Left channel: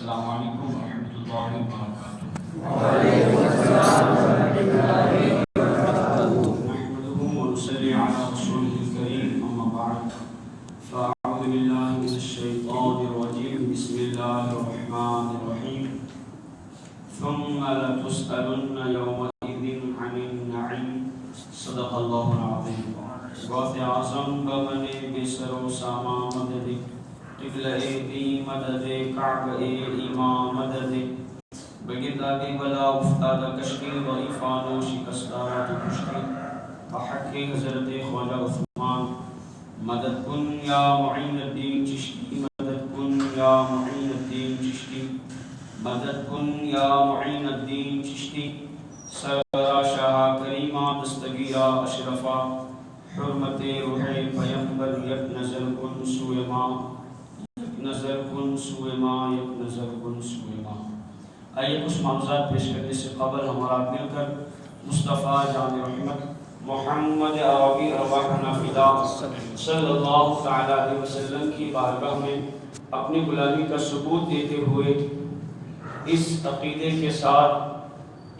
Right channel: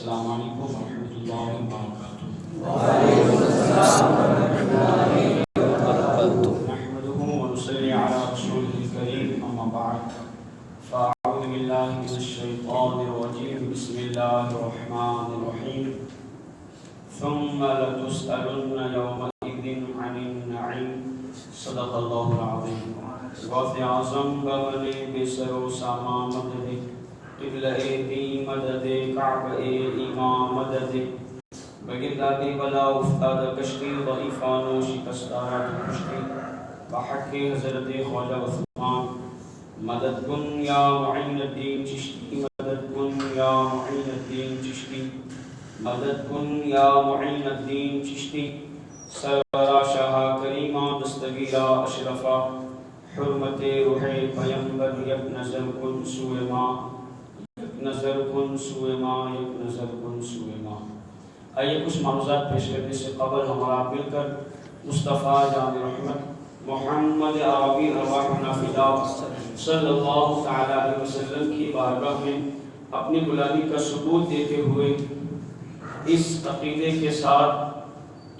السلام علیکم ورحمۃ اللہ وبرکاتہ۔ وعلیکم السلام ورحمۃ اللہ وبرکاتہ۔ نحمده ونصلي على رسوله الكريم اما بعد فاعوذ بالله من الشيطان الرجيم بسم الله الرحمن الرحيم ثم لتسألن يومئذ عن النعيم صدق الله العظيم وفي اعظم بمن بسر ساما مدد قبلہ ای مدد کعبہ ایمان مدد بگردہ کی بلا افتاد کشتی ضعیفان و شکستارات کشتی بحق حضرت خواجہ عثمان مدد کن یا معین الدین چشتی مدد کن یا معین الدین چشتی مدد کن یا معین الدین چشتی سرورا شاہ کریمہ دستگیرہ اشرفہ حرمت روح پیمبر یک نظر کن سوئے ماں نظر کن سوئے ماں یک نظر کن سوئے ماں۔ آئیے کچھ معروضات پیش کرنے سے قبل ہمارا مل کر مصطفیٰ جان رحمت محمد عربی ارواحنا فدا صلی اللہ تعالیٰ علیہ وسلم کی بارگاہ میں اپنی غلامی کا ثبوت دیتے ہوئے اس عقیدے کے ساتھ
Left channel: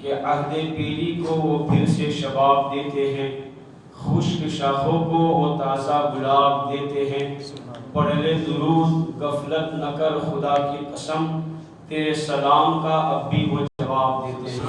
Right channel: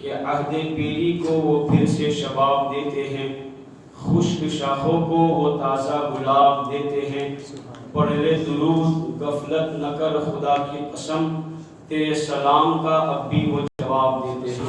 کہ عہد پیری کو وہ پھر سے شباب دیتے ہیں، خشک شاخوں کو وہ تازہ گلاب دیتے ہیں، پڑھ لے درود غفلت نہ کر خدا کی قسم، تیرے سلام کا اب بھی وہ جواب دیتے ہیں۔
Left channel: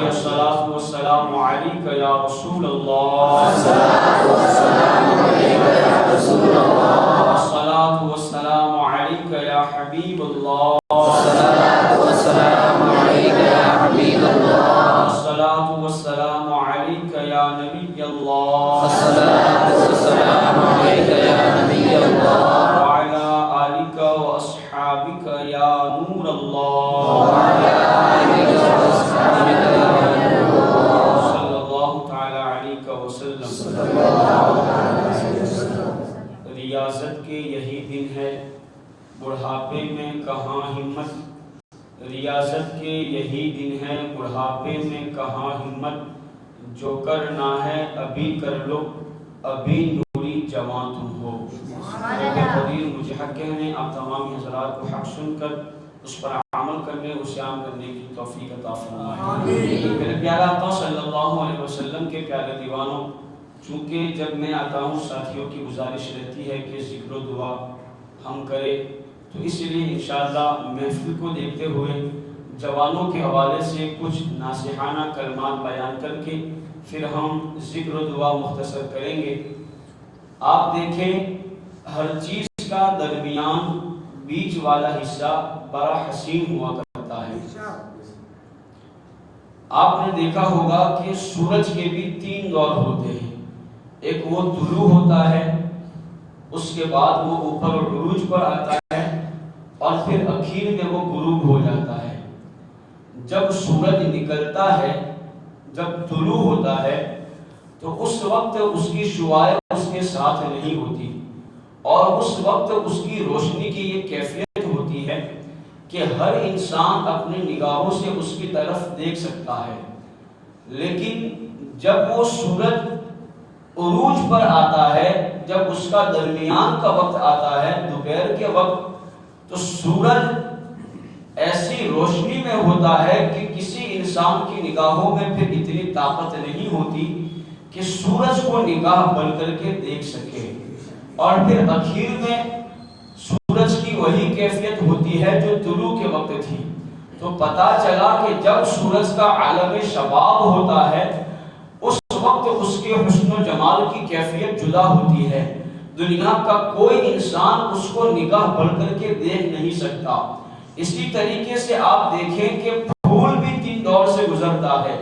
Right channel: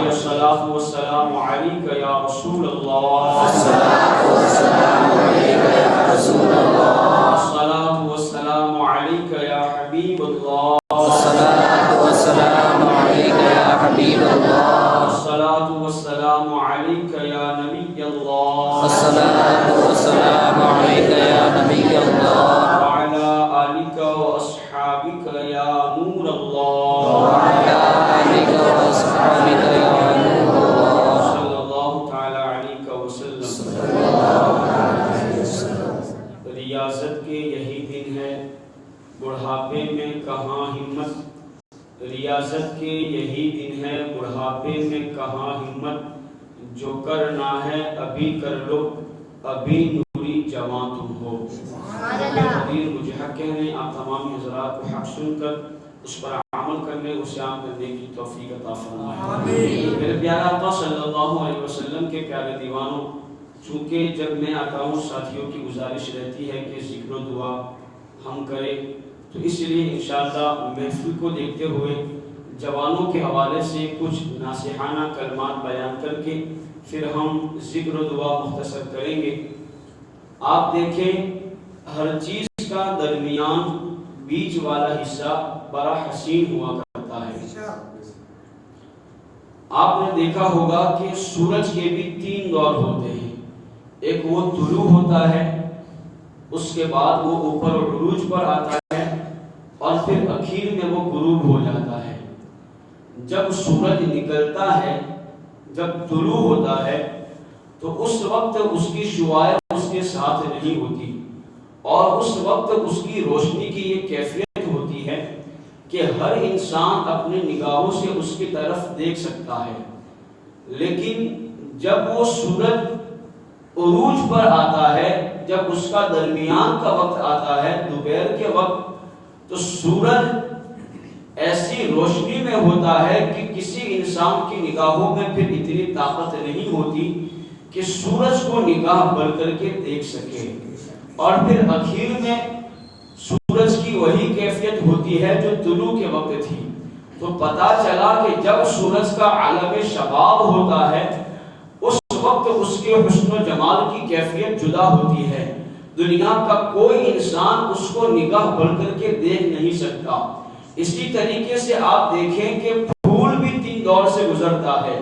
الصلاۃ والسلام علیک یا رسول اللہ، الصلاۃ والسلام علیک یا رسول اللہ، الصلاۃ والسلام علیک یا حبیب اللہ، الصلاۃ والسلام علیک یا حبیب اللہ، الصلاۃ والسلام علیک یا نبی اللہ، الصلاۃ والسلام علیک یا نبی اللہ، وعلی آلک واصحابک یا نور اللہ، وعلی آلک واصحابک یا نور اللہ، صلی اللہ تعالی علیہ وسلم۔ صلی اللہ علیہ وسلم۔ ریاضت کے یہی دن ہے، بڑھاپے میں کہاں ہمت، ریاضت کے یہی دن ہے، بڑھاپے میں کہاں ہمت، جو کرنا ہے ابھی کر لو، ابھی نوری جوان تم ہو۔ قدیر مجھے حق کہنے، آپ تمام حضرات کو حق سن کر اس پر عمل کرنے، اسے عام کرنے کی توفیق عطا فرمائے۔ میرے پیارے آقا صلی اللہ علیہ وسلم کے پیارے دیوانوں، چونکہ جب میں آتا ہوں ساتھیوں کی گزارش رہتی ہے کہ ذکر و دعا ہم کریں، تو اس لیے انشاءاللہ محفل کو دیکھتے ہوئے جوانوں کے حوالے سے کچھ ناصحانہ کلمات بیان کر کے پھر ہم ذکر و دعا مختصر کریں گے۔ آپ دیکھیں ہر چیز کا درمیان بیچ والا حصہ بڑا حسین ہوا کرتا ہے۔ آپ نے دیکھا ہوگا کہ سورج کے بھی تین دور ہوتے ہیں، ایک وہ طلوع ہوتا ہے، اس کے بعد وہ اوپر عروج پر آتا ہے، اور پھر اخیر میں وہ غروب ہو جاتا ہے۔ جب سورج نکلتا ہے، جب طلوع ہوتا ہے، تو اس وقت اس کی شعاع اس کے ساتھ نہیں ہوتی، اور اس وقت اس کی روشنی کی یہ کیفیت ہوتی ہے کہ ہر انسان اپنی نگاہوں سے اس کی طرف دیکھ سکتا ہے۔ لیکن جب وہ سورج عروج پر آتا ہے، جب اس کا درمیان کا وقت آتا ہے، دوپہر کے وقت، تو سورج ایسی روشنی میں ہوتا ہے کہ کسی انسان کی نگاہوں میں پھر اتنی طاقت نہیں ہوتی کہ سورج کو نگاہ بھر کر کے دیکھ سکے، اور پھر اخیر میں سورج کی وہی کیفیت ہوتی ہے جو طلوع کے وقت تھی۔ تو پتہ چلا کہ جب سورج کا عالم شباب ہوتا ہے، اس وقت اس کے حسن و جمال کی کیفیت جدا ہوتی ہے، دنیا کا کوئی انسان اس کو نگاہ بھر کر کے دیکھ نہیں سکتا۔ اسی طریقے سے آپ دیکھیں کہ پھول بھی تین دور سے گزرتا ہے،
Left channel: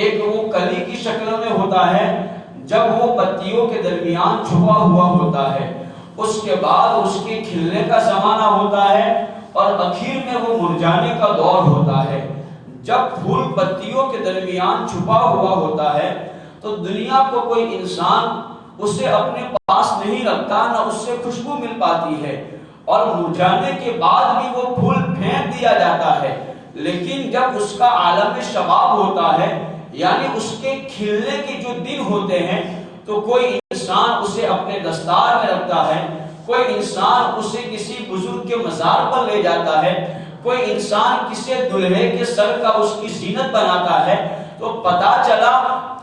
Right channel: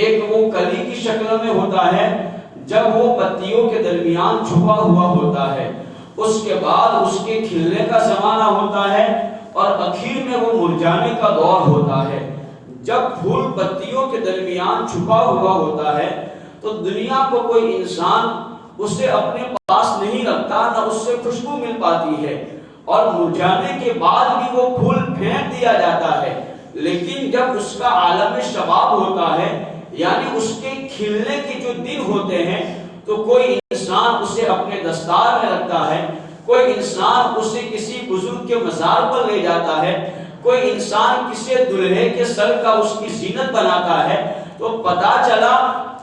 ایک وہ کلی کی شکل میں ہوتا ہے جب وہ پتیوں کے درمیان چھپا ہوا ہوتا ہے، اس کے بعد اس کے کھلنے کا زمانہ ہوتا ہے، اور اخیر میں وہ مرجھانے کا دور ہوتا ہے۔ جب پھول پتیوں کے درمیان چھپا ہوا ہوتا ہے تو دنیا کو کوئی انسان اسے اپنے پاس نہیں رکھتا، نہ اس سے خوشبو مل پاتی ہے، اور مرجھانے کے بعد بھی وہ پھول پھینک دیا جاتا ہے۔ لیکن جب اس کا عالم شباب ہوتا ہے، یعنی اس کے کھلنے کے جو دن ہوتے ہیں، تو کوئی انسان اسے اپنے دستار میں رکھتا ہے، کوئی انسان اسے کسی بزرگ کے مزار پر لے جاتا ہے، کوئی انسان کسی دلہے کے سر کا اس کی زینت بناتا ہے، تو پتا چلا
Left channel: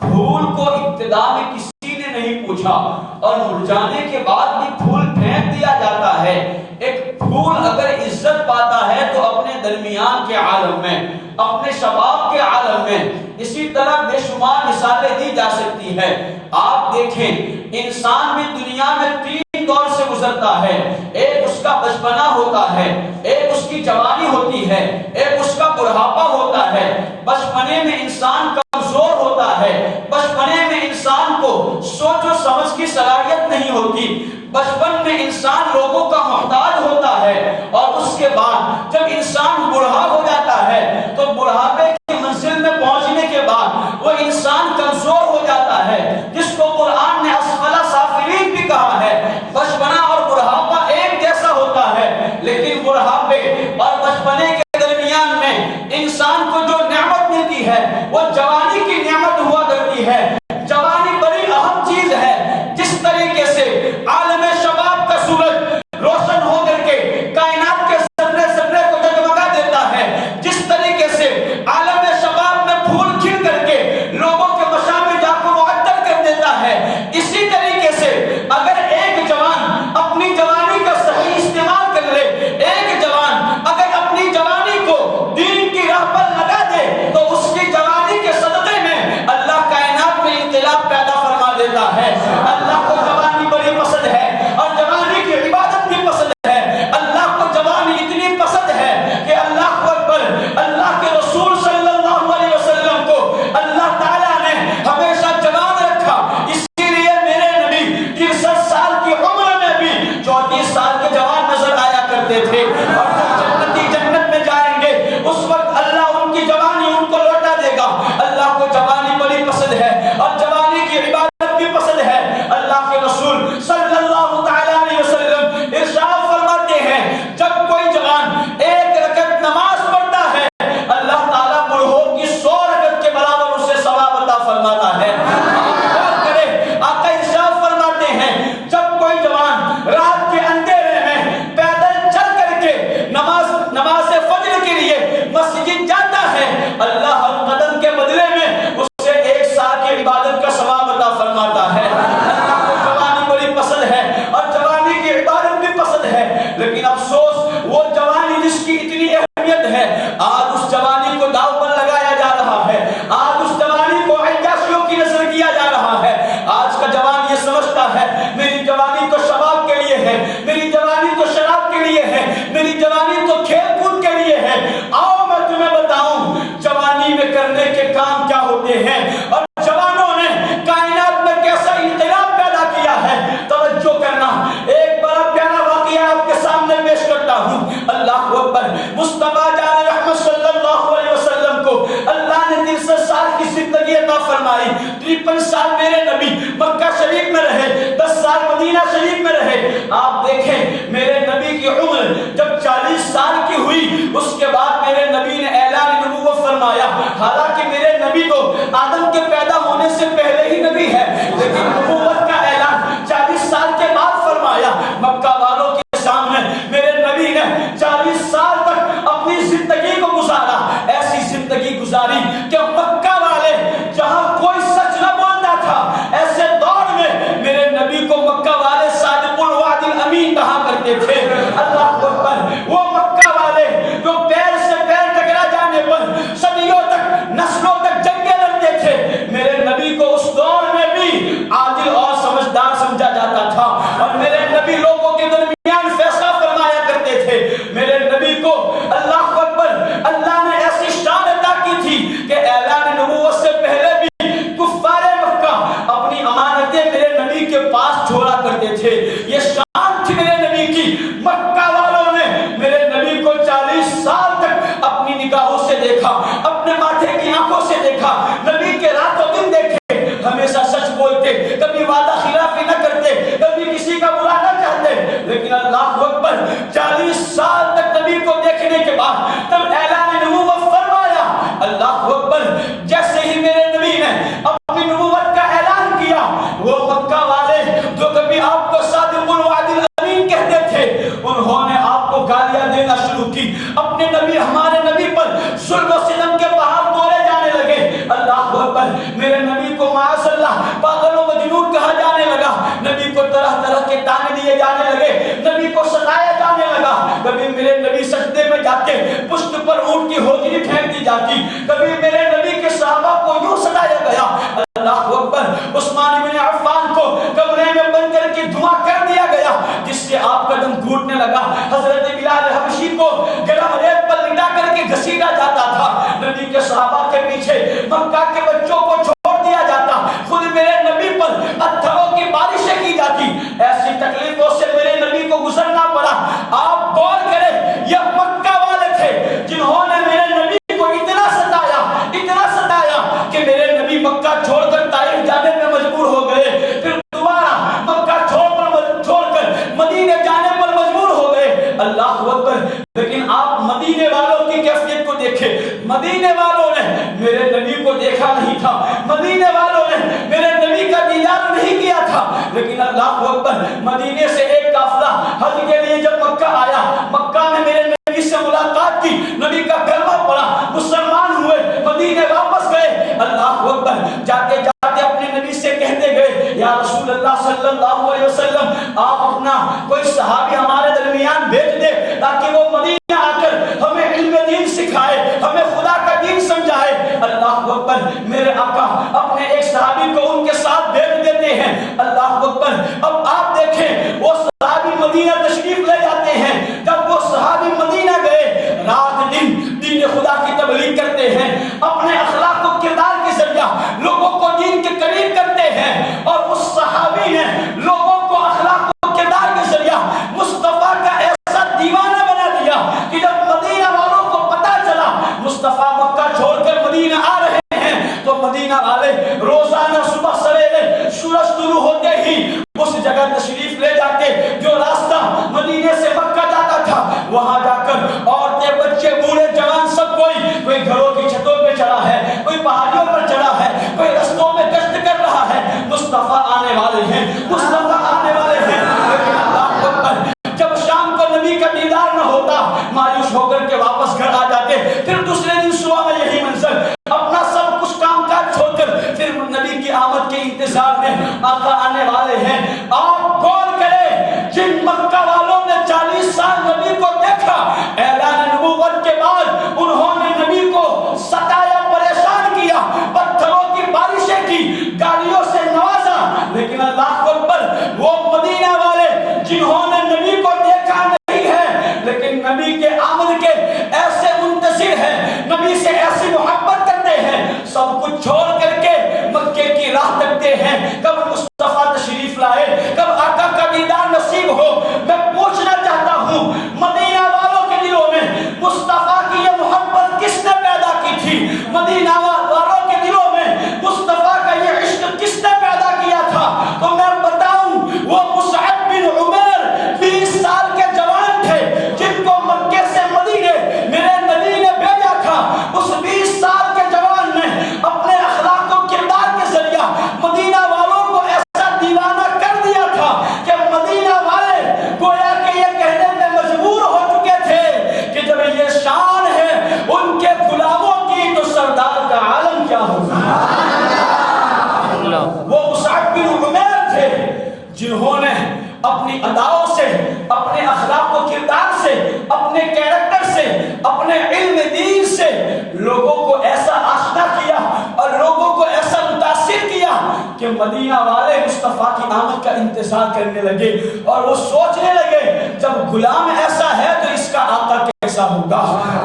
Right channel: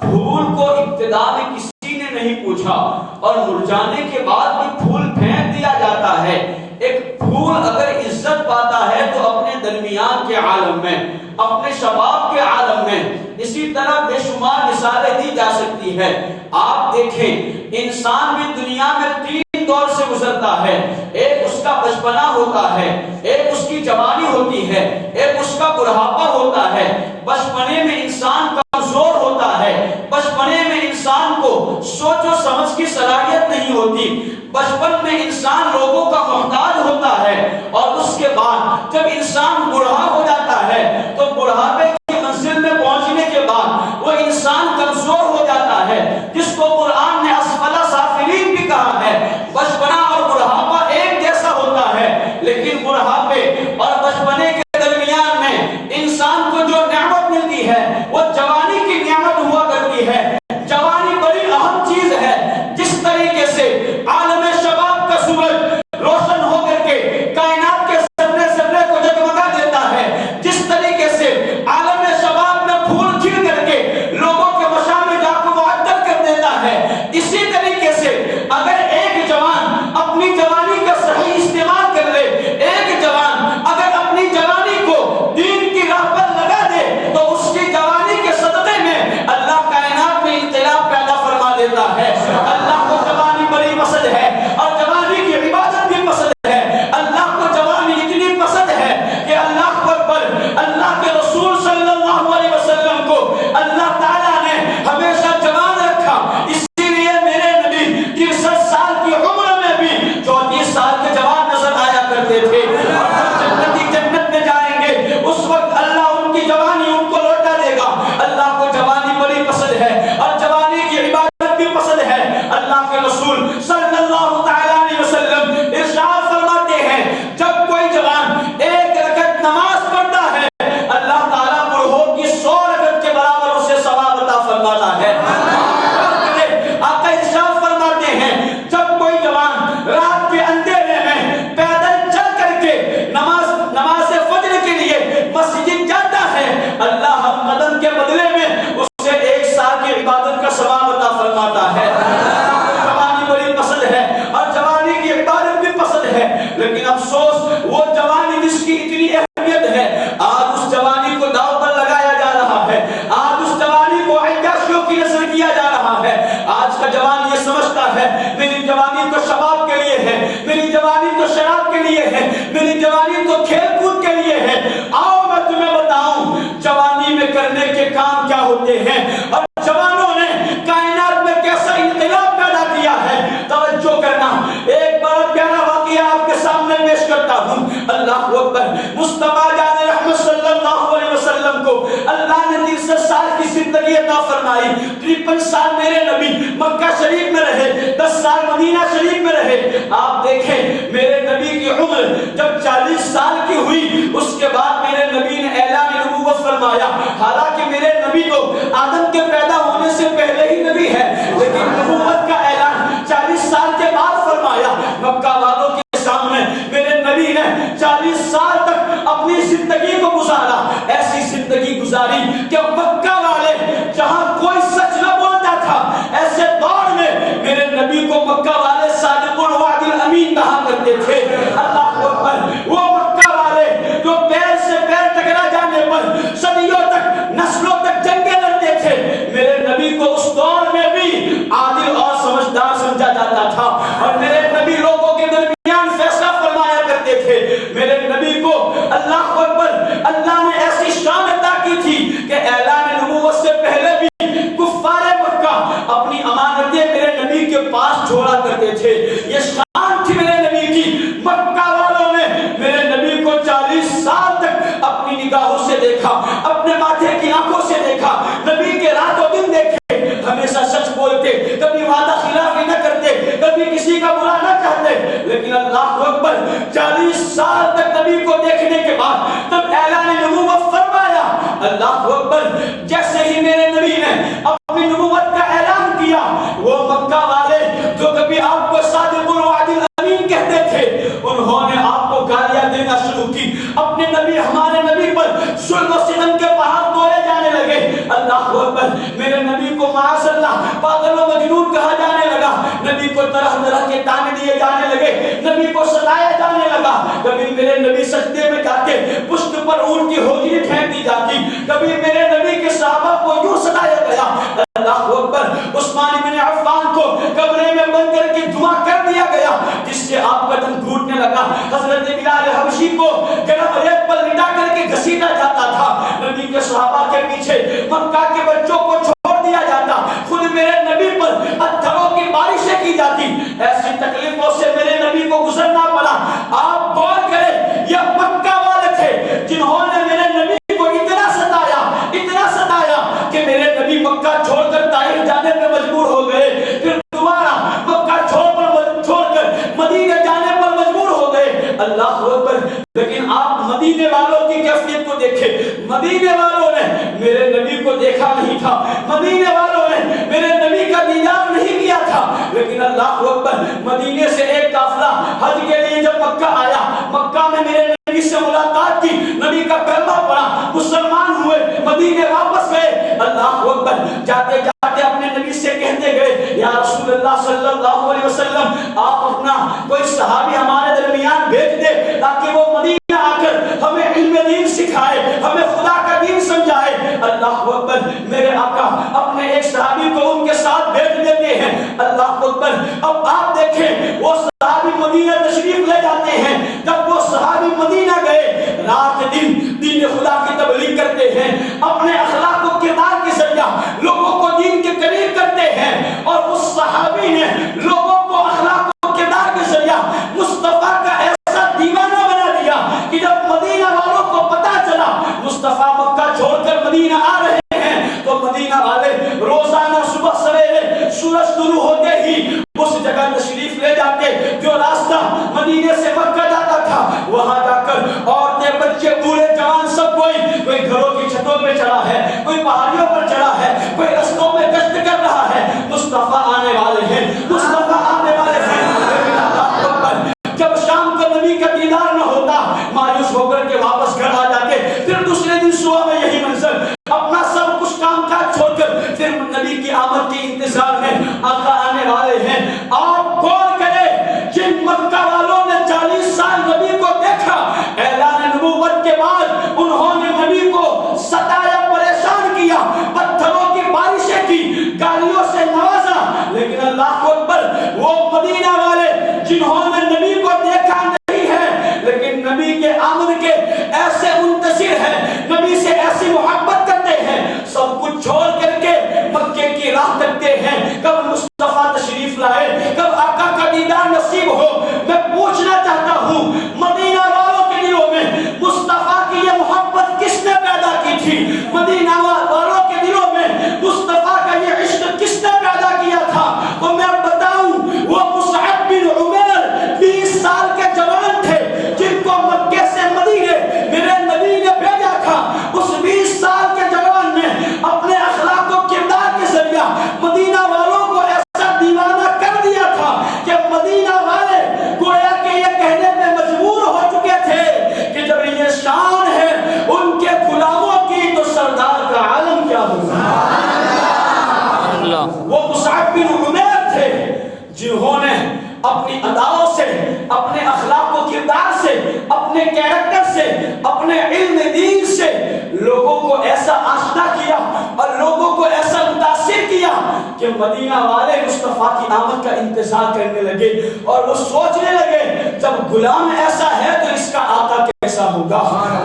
پھول کو ابتدا میں کسی نے نہیں پوچھا اور مرجانے کے بعد بھی پھول پھینک دیا جاتا ہے۔ ایک پھول اگر عزت پاتا ہے تو اپنے درمیان کے عالم میں، اپنے شباب کے عالم میں، اسی طرح بے شمار مثالیں دی جا سکتی ہے۔ آپ دیکھیں انسان بھی دنیا میں تین دور سے گزرتا ہے، ایک اس کا بچپنا ہوتا ہے، ایک اس کی جوانی ہوتی ہے، ایک اس کا بڑھاپا ہوتا ہے۔ بچپنے میں انسان کمزور ہوتا ہے، بچپنے میں انسان کو سوچ و سمجھ کی صلاحیت نہیں ہوتی، بچپن میں انسان لوگوں کا محتاج ہوتا ہے، اور اس کے بعد جب انسان بوڑھا ہو جاتا ہے تو بڑھاپے کی منزل میں پہنچنے کے بعد وہ انسان کمزور ہو جاتا ہے، جس کو قرآن نے اسفل سافلین بھی کہا ہے۔ بچپنا اور بڑھاپا ایک جیسا ہوتا ہے، لیکن بڑھاپے اور بچپنے کے درمیان میں انسان کو جو نعمت ملتی ہے وہ جوانی کی نعمت ہوا کرتی ہے۔ جوانی بڑی اہم چیز ہے۔ جس طریقے سے عالم شباب کا سورج روشن ہو کر کے کائنات کے سرے سرے کو جگمگا دیتا ہے، جس طریقے سے عالم شباب میں پھول کھل کر کے لوگوں کے مشامخ کو معطر کر دیتا ہے، اسی طریقے سے اگر ایک جوان اپنی جوانی کا صحیح استعمال کر لے، ایک جوان اگر اپنی جوانی کو دین کی راہ پر لگا دے تو اس کی جوانی کے صدقے میں اللہ کائنات میں انقلاب پیدا فرما دیتا ہے۔ اللہ کو جوانی بڑی پسند ہے اور جوانی کی عبادت بھی پسند ہے۔ اللہ کو جوانی اتنی پسند ہے کہ اللہ اکبر، اللہ کے رسول صلی اللہ علیہ وسلم کو اللہ تعالیٰ نے ہمیشہ جوان رکھا، اسی لیے میرے نبی 63 سال کی عمر میں بھی 34 سال کے جوان نظر آیا کرتے تھے، اور جب جنتی جنت میں جائیں گے اس وقت اللہ ان کی جوانی ان کو لوٹا دے گا۔ اللہ کو جوانی بڑی پسند ہے اور جوانی کی عبادت بھی پسند ہے۔ اللہ کے رسول صلی اللہ تعالیٰ علیہ وسلم ارشاد فرماتے ہیں جب کوئی جوان ایک رکعت نماز پڑھتا ہے اللہ تعالیٰ بوڑھوں کی 100 رکعت کے برابر اسے ثواب عطا فرماتا ہے۔ آقا ارشاد فرماتے ہیں جب کوئی جوان رات کے اندھیرے میں پیدل چل کر کے نماز فجر کے لیے مسجد جاتا ہے، اللہ ہر قدم کے بدلے میں اسے 1 سال کی عبادت کا ثواب عطا فرماتا ہے۔ جوانی بڑی پسند ہے اور جوانی کی عبادت بھی پسند ہے، لیکن افسوس وہ جوانی جس کی اتنی اہمیت ہے آج اس جوانی کو داؤ پر لگایا جا رہا ہے، آج اس جوانی کو عیاشیوں کی نظر کیا جا رہا ہے۔ آج کا جوان یہ سمجھتا ہے میری جوانی تو شباب کے لیے ہے، میری جوانی تو شراب کے لیے ہے، میری جوانی تو کھیل کود کے لیے ہے۔ آؤ میں تمہیں بتاؤں جوانی میں کرنے کے کام کیا ہوتے ہیں اور جوانوں نے کائنات میں کیسا انقلاب پیدا کیا ہے۔ توجہ کرنا، ایک بڑا پیارا واقعہ آپ کے سامنے پیش کرتا ہوں۔ اللہ اکبر، مصطفیٰ جان رحمت صلی اللہ علیہ وسلم کو اللہ نے 63 سال کی زندگی عطا فرمائی۔ 53 سال میرے نبی مکہ شریف میں رہے، 10 سال مدینہ شریف میں رہے۔ آپ دیکھیں میرے نبی کی عمر جب 40 سال کی ہوئی اس کے بعد میرے نبی نے اعلان نبوت فرمایا۔ حالانکہ میرے نبی تو آدم کے پیدا ہونے سے پہلے ہی نبی ہے، لیکن نبوت کا اعلان 40 سال کے بعد فرمایا۔ مکہ والوں کے سامنے میرے نبی نے 40 سال تک اپنی زندگی کو گزارا، ایسی زندگی گزاری کہ مکہ والے جہاں کوئی سچ نہ بولتا تھا، ایسے دور میں میرے نبی کو مکہ والے صادق الوعد الامین کہا کرتے تھے۔ اللہ اکبر، وہ مکہ والے جو پیر سے پیر ٹکرا جانے پر صدیوں تک نسلوں تک جنگیں لڑتے تھے، میرے نبی کو اس دور میں بھی عادل اور سمجھدار سمجھا جاتا تھا، اور میرے نبی لوگوں کے درمیان فیصلہ فرمایا کرتے تھے۔ میرے نبی کو اللہ اکبر اللہ نے ایسی شان عطا کی تھی کہ اعلان نبوت سے پہلے بھی کفار مکہ اپنی امانتیں میرے نبی کے پاس چھوڑا کرتے تھے۔ یہ شان تھی میرے نبی کی۔ مکہ والوں نے میرے نبی کو 40 سال تک اپنی نگاہوں سے دیکھا، اپنے ماتھے کی آنکھوں سے دیکھا، نبی کے راتوں دن دیکھے، ہمیشہ سچ بولتے، کبھی وعدہ خلافی نہ کرتے، کبھی کسی کا برا نہ چاہتے۔ لیکن اللہ اکبر 40 سال تک نبی کو دیکھنے کے بعد تب اعلان نبوت فرمایا۔ اللہ اکبر، جیسے ہی میرے نبی نے اپنی نبوت کا اعلان کیا، وہ مکہ والے جو کبھی آپ کو صادق الوعد طرح طرح کے تانے دیے جانے لگے، نبی کو ستایا جانے لگا۔ کبھی میرے نبی سجدے میں جا کے پشت پر اونٹ کی ہوجری پھینک دی جاتی، کبھی میرے نبی کے صحابہ کو یوں ستایا گیا، اللہ اکبر، عثمان بن عفان کو کمرے میں بند کر کے دھواں کر دیا گیا جس سے آپ کا دم گھٹنے لگا، حضرت بلال حبشی کو گرم ریت پر لٹا کر کے گھسیٹا جاتا تھا، نبی کے صحابہ کے پیچھے مکہ کے بچوں کو چھوڑ دیا جاتا، خود میرے نبی پر پتھروں کی بارشیں کی جاتی، ایسی تکلیفوں سے میرے نبی کو گزرنا پڑا۔ آپ غور کریں، یہ مکہ والے تھے جنہوں نے میرے نبی کو اتنا ستایا کہ میرے نبی مکہ چھوڑ کر طائف جانے پر مجبور ہو گئے، پھر دوبارہ مکہ چھوڑ کر مدینے جانے پر مجبور ہو گئے، اللہ اکبر۔ لیکن آپ مدینے والوں کی کیفیت کو دیکھیں، مدینے والوں نے میرے نبی کو دیکھا نہیں تھا، مدینے والوں نے میرے نبی کا دیدار نہیں کیا تھا، لیکن اللہ اکبر، مدینے سے ایک قافلہ حج کے لیے جب مکہ آیا، مکہ میں میرے نبی سے ملاقات کی، نبی کا کلمہ پڑھا، مسلمان ہوئے، مدینے واپس گئے، اللہ اکبر، جاتے جاتے اپنے نبی سے کہتے گئے، یا رسول اللہ صلی اللہ علیہ وسلم، آپ اپنا کوئی صحابی ہمارے درمیان بھیج دے تاکہ وہ مدینہ آ کر ہمیں علم دین سکھائے، ہمیں خدا کا دین سمجھائے۔ اللہ اکبر، میرے آقا اپنے ایک صحابی کو ان کے ساتھ بھیج دیتے ہیں، اللہ اکبر۔ اب آپ دیکھیں، وہ صحابی مدینہ تشریف لے جاتے ہیں، جب وہ صحابی مدینہ گئے، رات دن دین خدا کی تبلیغ کرتے ہیں، اپنے اخلاق و کردار کے ذریعہ لوگوں کو دین کے قریب کرتے ہیں، اور اس صحابی نے لوگوں کو اخلاق و کردار کے ذریعہ مصطفیٰ کا ایسا دیوانہ بنا دیا کہ جب مدینہ والوں کو پتا چلا مصطفیٰ مکہ چھوڑ کر مدینہ آ رہے ہیں، تو مدینہ والے روزانہ صبح سویرے سورج طلوع ہوتے ہی اس جگہ تشریف لے جا کے جو راستہ مدینے سے مکہ جاتا تھا، وہاں جا کر عورتیں، بچے، بوڑھے، جوان، سب کوئی گھروں کی چھتوں پہ چڑھا ہے، کوئی پہاڑیوں پر چڑھا ہے، کوئی رستوں میں گشت کر رہا ہے، مصطفیٰ آنے والے ہیں، مصطفیٰ آنے والے ہیں۔ لیکن اللہ اکبر، جب شام کو نبی کا دیدار نہ ہوتا، مایوس ہو کر کے واپس گھر آ جاتے، پھر دوسرے دن صبح میں یہی منظر، اپنا سب کچھ کام کاج چھوڑ کر پھر نبی کی آمد کے انتظار میں، آقا آنے والے ہیں۔ آپ غور کریں، جن مکہ والوں نے 40 سال نبی کو دیکھا، اعلان نبوت کے بعد انہوں نے نبی کو ستایا، پریشان کیا، پتھروں کی بارشیں کی، گالیوں سے نوازا، لیکن اللہ اکبر، وہ مدینہ والے جنہوں نے نبی کو دیکھا نہیں ہے لیکن نبی کے آمد کے ایسے منتظر ہیں، نبی سے ایسی محبت کرتے ہیں، سب کچھ چھوڑ کر کے مکے کی راہ تکتے ہیں، کب مصطفیٰ تشریف لائے، کب آقا کا دیدار نصیب ہو۔ میں پوچھنا چاہتا ہوں، مدینہ والوں کے دلوں میں مصطفیٰ کی یہ محبت کس نے پیدا کی تھی؟ مدینہ والوں کے دلوں میں مصطفیٰ کا یہ عشق کس نے پیدا کیا تھا؟ تو میں بتاؤں، وہ مصعب بن عمیر 20 سال کے جوان تھے جن کو مکے سے مدینے میرے نبی نے بھیجا تھا۔ اس 20 سال کے جوان نے اپنے اخلاق و کردار کے ذریعہ مدینہ والوں کو ایسا دیوانہ کر دیا تھا کہ مدینہ والے گویا کہ یہ کہنے پہ مجبور ہو چکے تھے کہ جب یہ شان ہے ان کے غلاموں کی تو سردار کا عالم کیا ہوگا۔ وہ مصعب بن عمیر تھے جنہوں نے اپنی اداؤں سے، اپنے اخلاق و کردار سے، اپنے کیریکٹر سے، اپنے علم دین سے لوگوں کو ایسا آشنا کیا اور لوگوں کو ایسا متاثر کیا کہ مدینہ والے مصطفیٰ کی آمد کا انتظار کرنے لگے، اور وہ سوچنے لگے جب غلام ایسا ہے تو اس کا آقا کیسا ہوگا،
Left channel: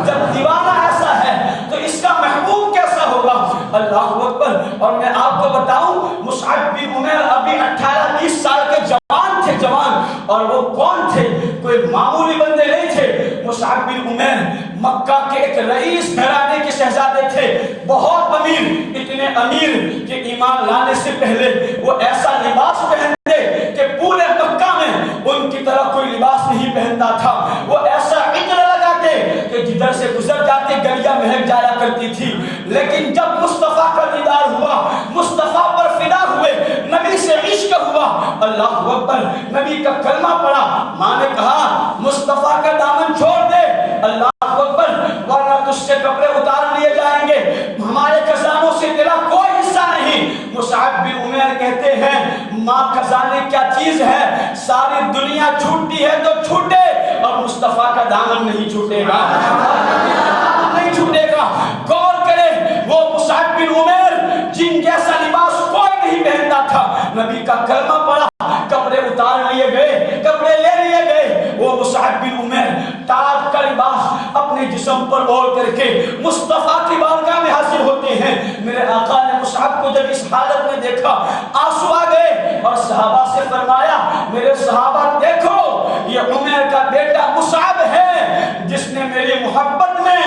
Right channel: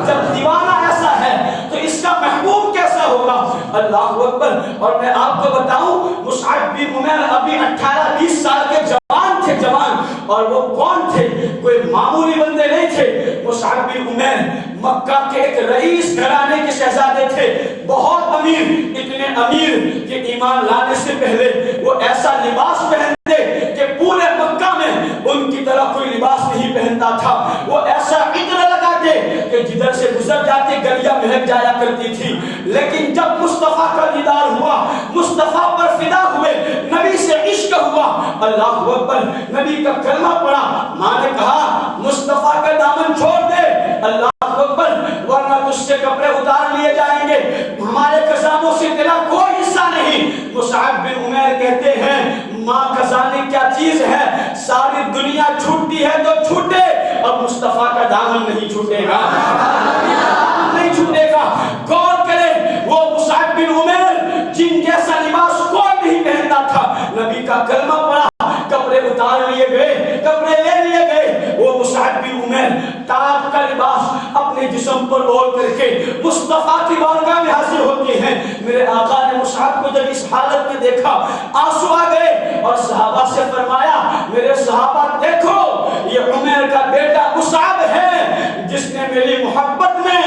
جب دیوانہ ایسا ہے تو اس کا محبوب کیسا ہوگا۔ اللہ اکبر۔ اور میں آپ کو بتاؤں، مصعب بن عمیر ابھی 18-20 سال کے جوان تھے، جوان، اور وہ کون تھے؟ کوئی معمولی بندے نہیں تھے۔ مصعب بن عمیر مکہ کے ایک رئیس گھرانے کے شہزادے تھے، بہت امیر، اتنے امیر کہ ایمان لانے سے پہلے وہ ایسا لباس پہنتے کہ پورے مکہ میں ان کی طرح کوئی لباس نہیں پہنتا تھا، وہ ایسا عطر لگاتے کہ جدھر سے گزر جاتے گلیاں مہک جایا کرتی تھی۔ لیکن جب مصطفیٰ کا دیدار ہوا، مصطفیٰ پر فدا ہوئے، نبی سے عشق ہوا، اللہ اکبر، نبی کا کلمہ پڑھا، ماں نے کہا مصطفیٰ کا دامن چھوڑ دے، اللہ اکبر، ورنہ تجھ سے کپڑے اتار لیے جائیں گے، ہمارے خزانوں سے تیرا کوئی حصہ نہیں۔ مصعب بن عمیر کہتے ہیں، ماں خزانے کیا چیز ہے، بن عمیر جن جیسا لباس کوئی نہیں پہنتا تھا، نبی کا کلمہ پڑھا، کپڑے اتار لیے گئے، کپڑے لے لیے گئے، وہ مصعب بن عمیر تاج کا لباس اپنے جسم پر اوڑھ کر کے مصطفیٰ کی بارگاہ میں حاضر ہوتے ہیں۔ میرے آقا نے مصعب کو جب اس حالت میں دیکھا، آنسو آ گئے اور صحابہ سے فرمایا، میرے صحابہ دیکھو یہ عمیر کا بیٹا مصعب ہے جس نے میری محبت میں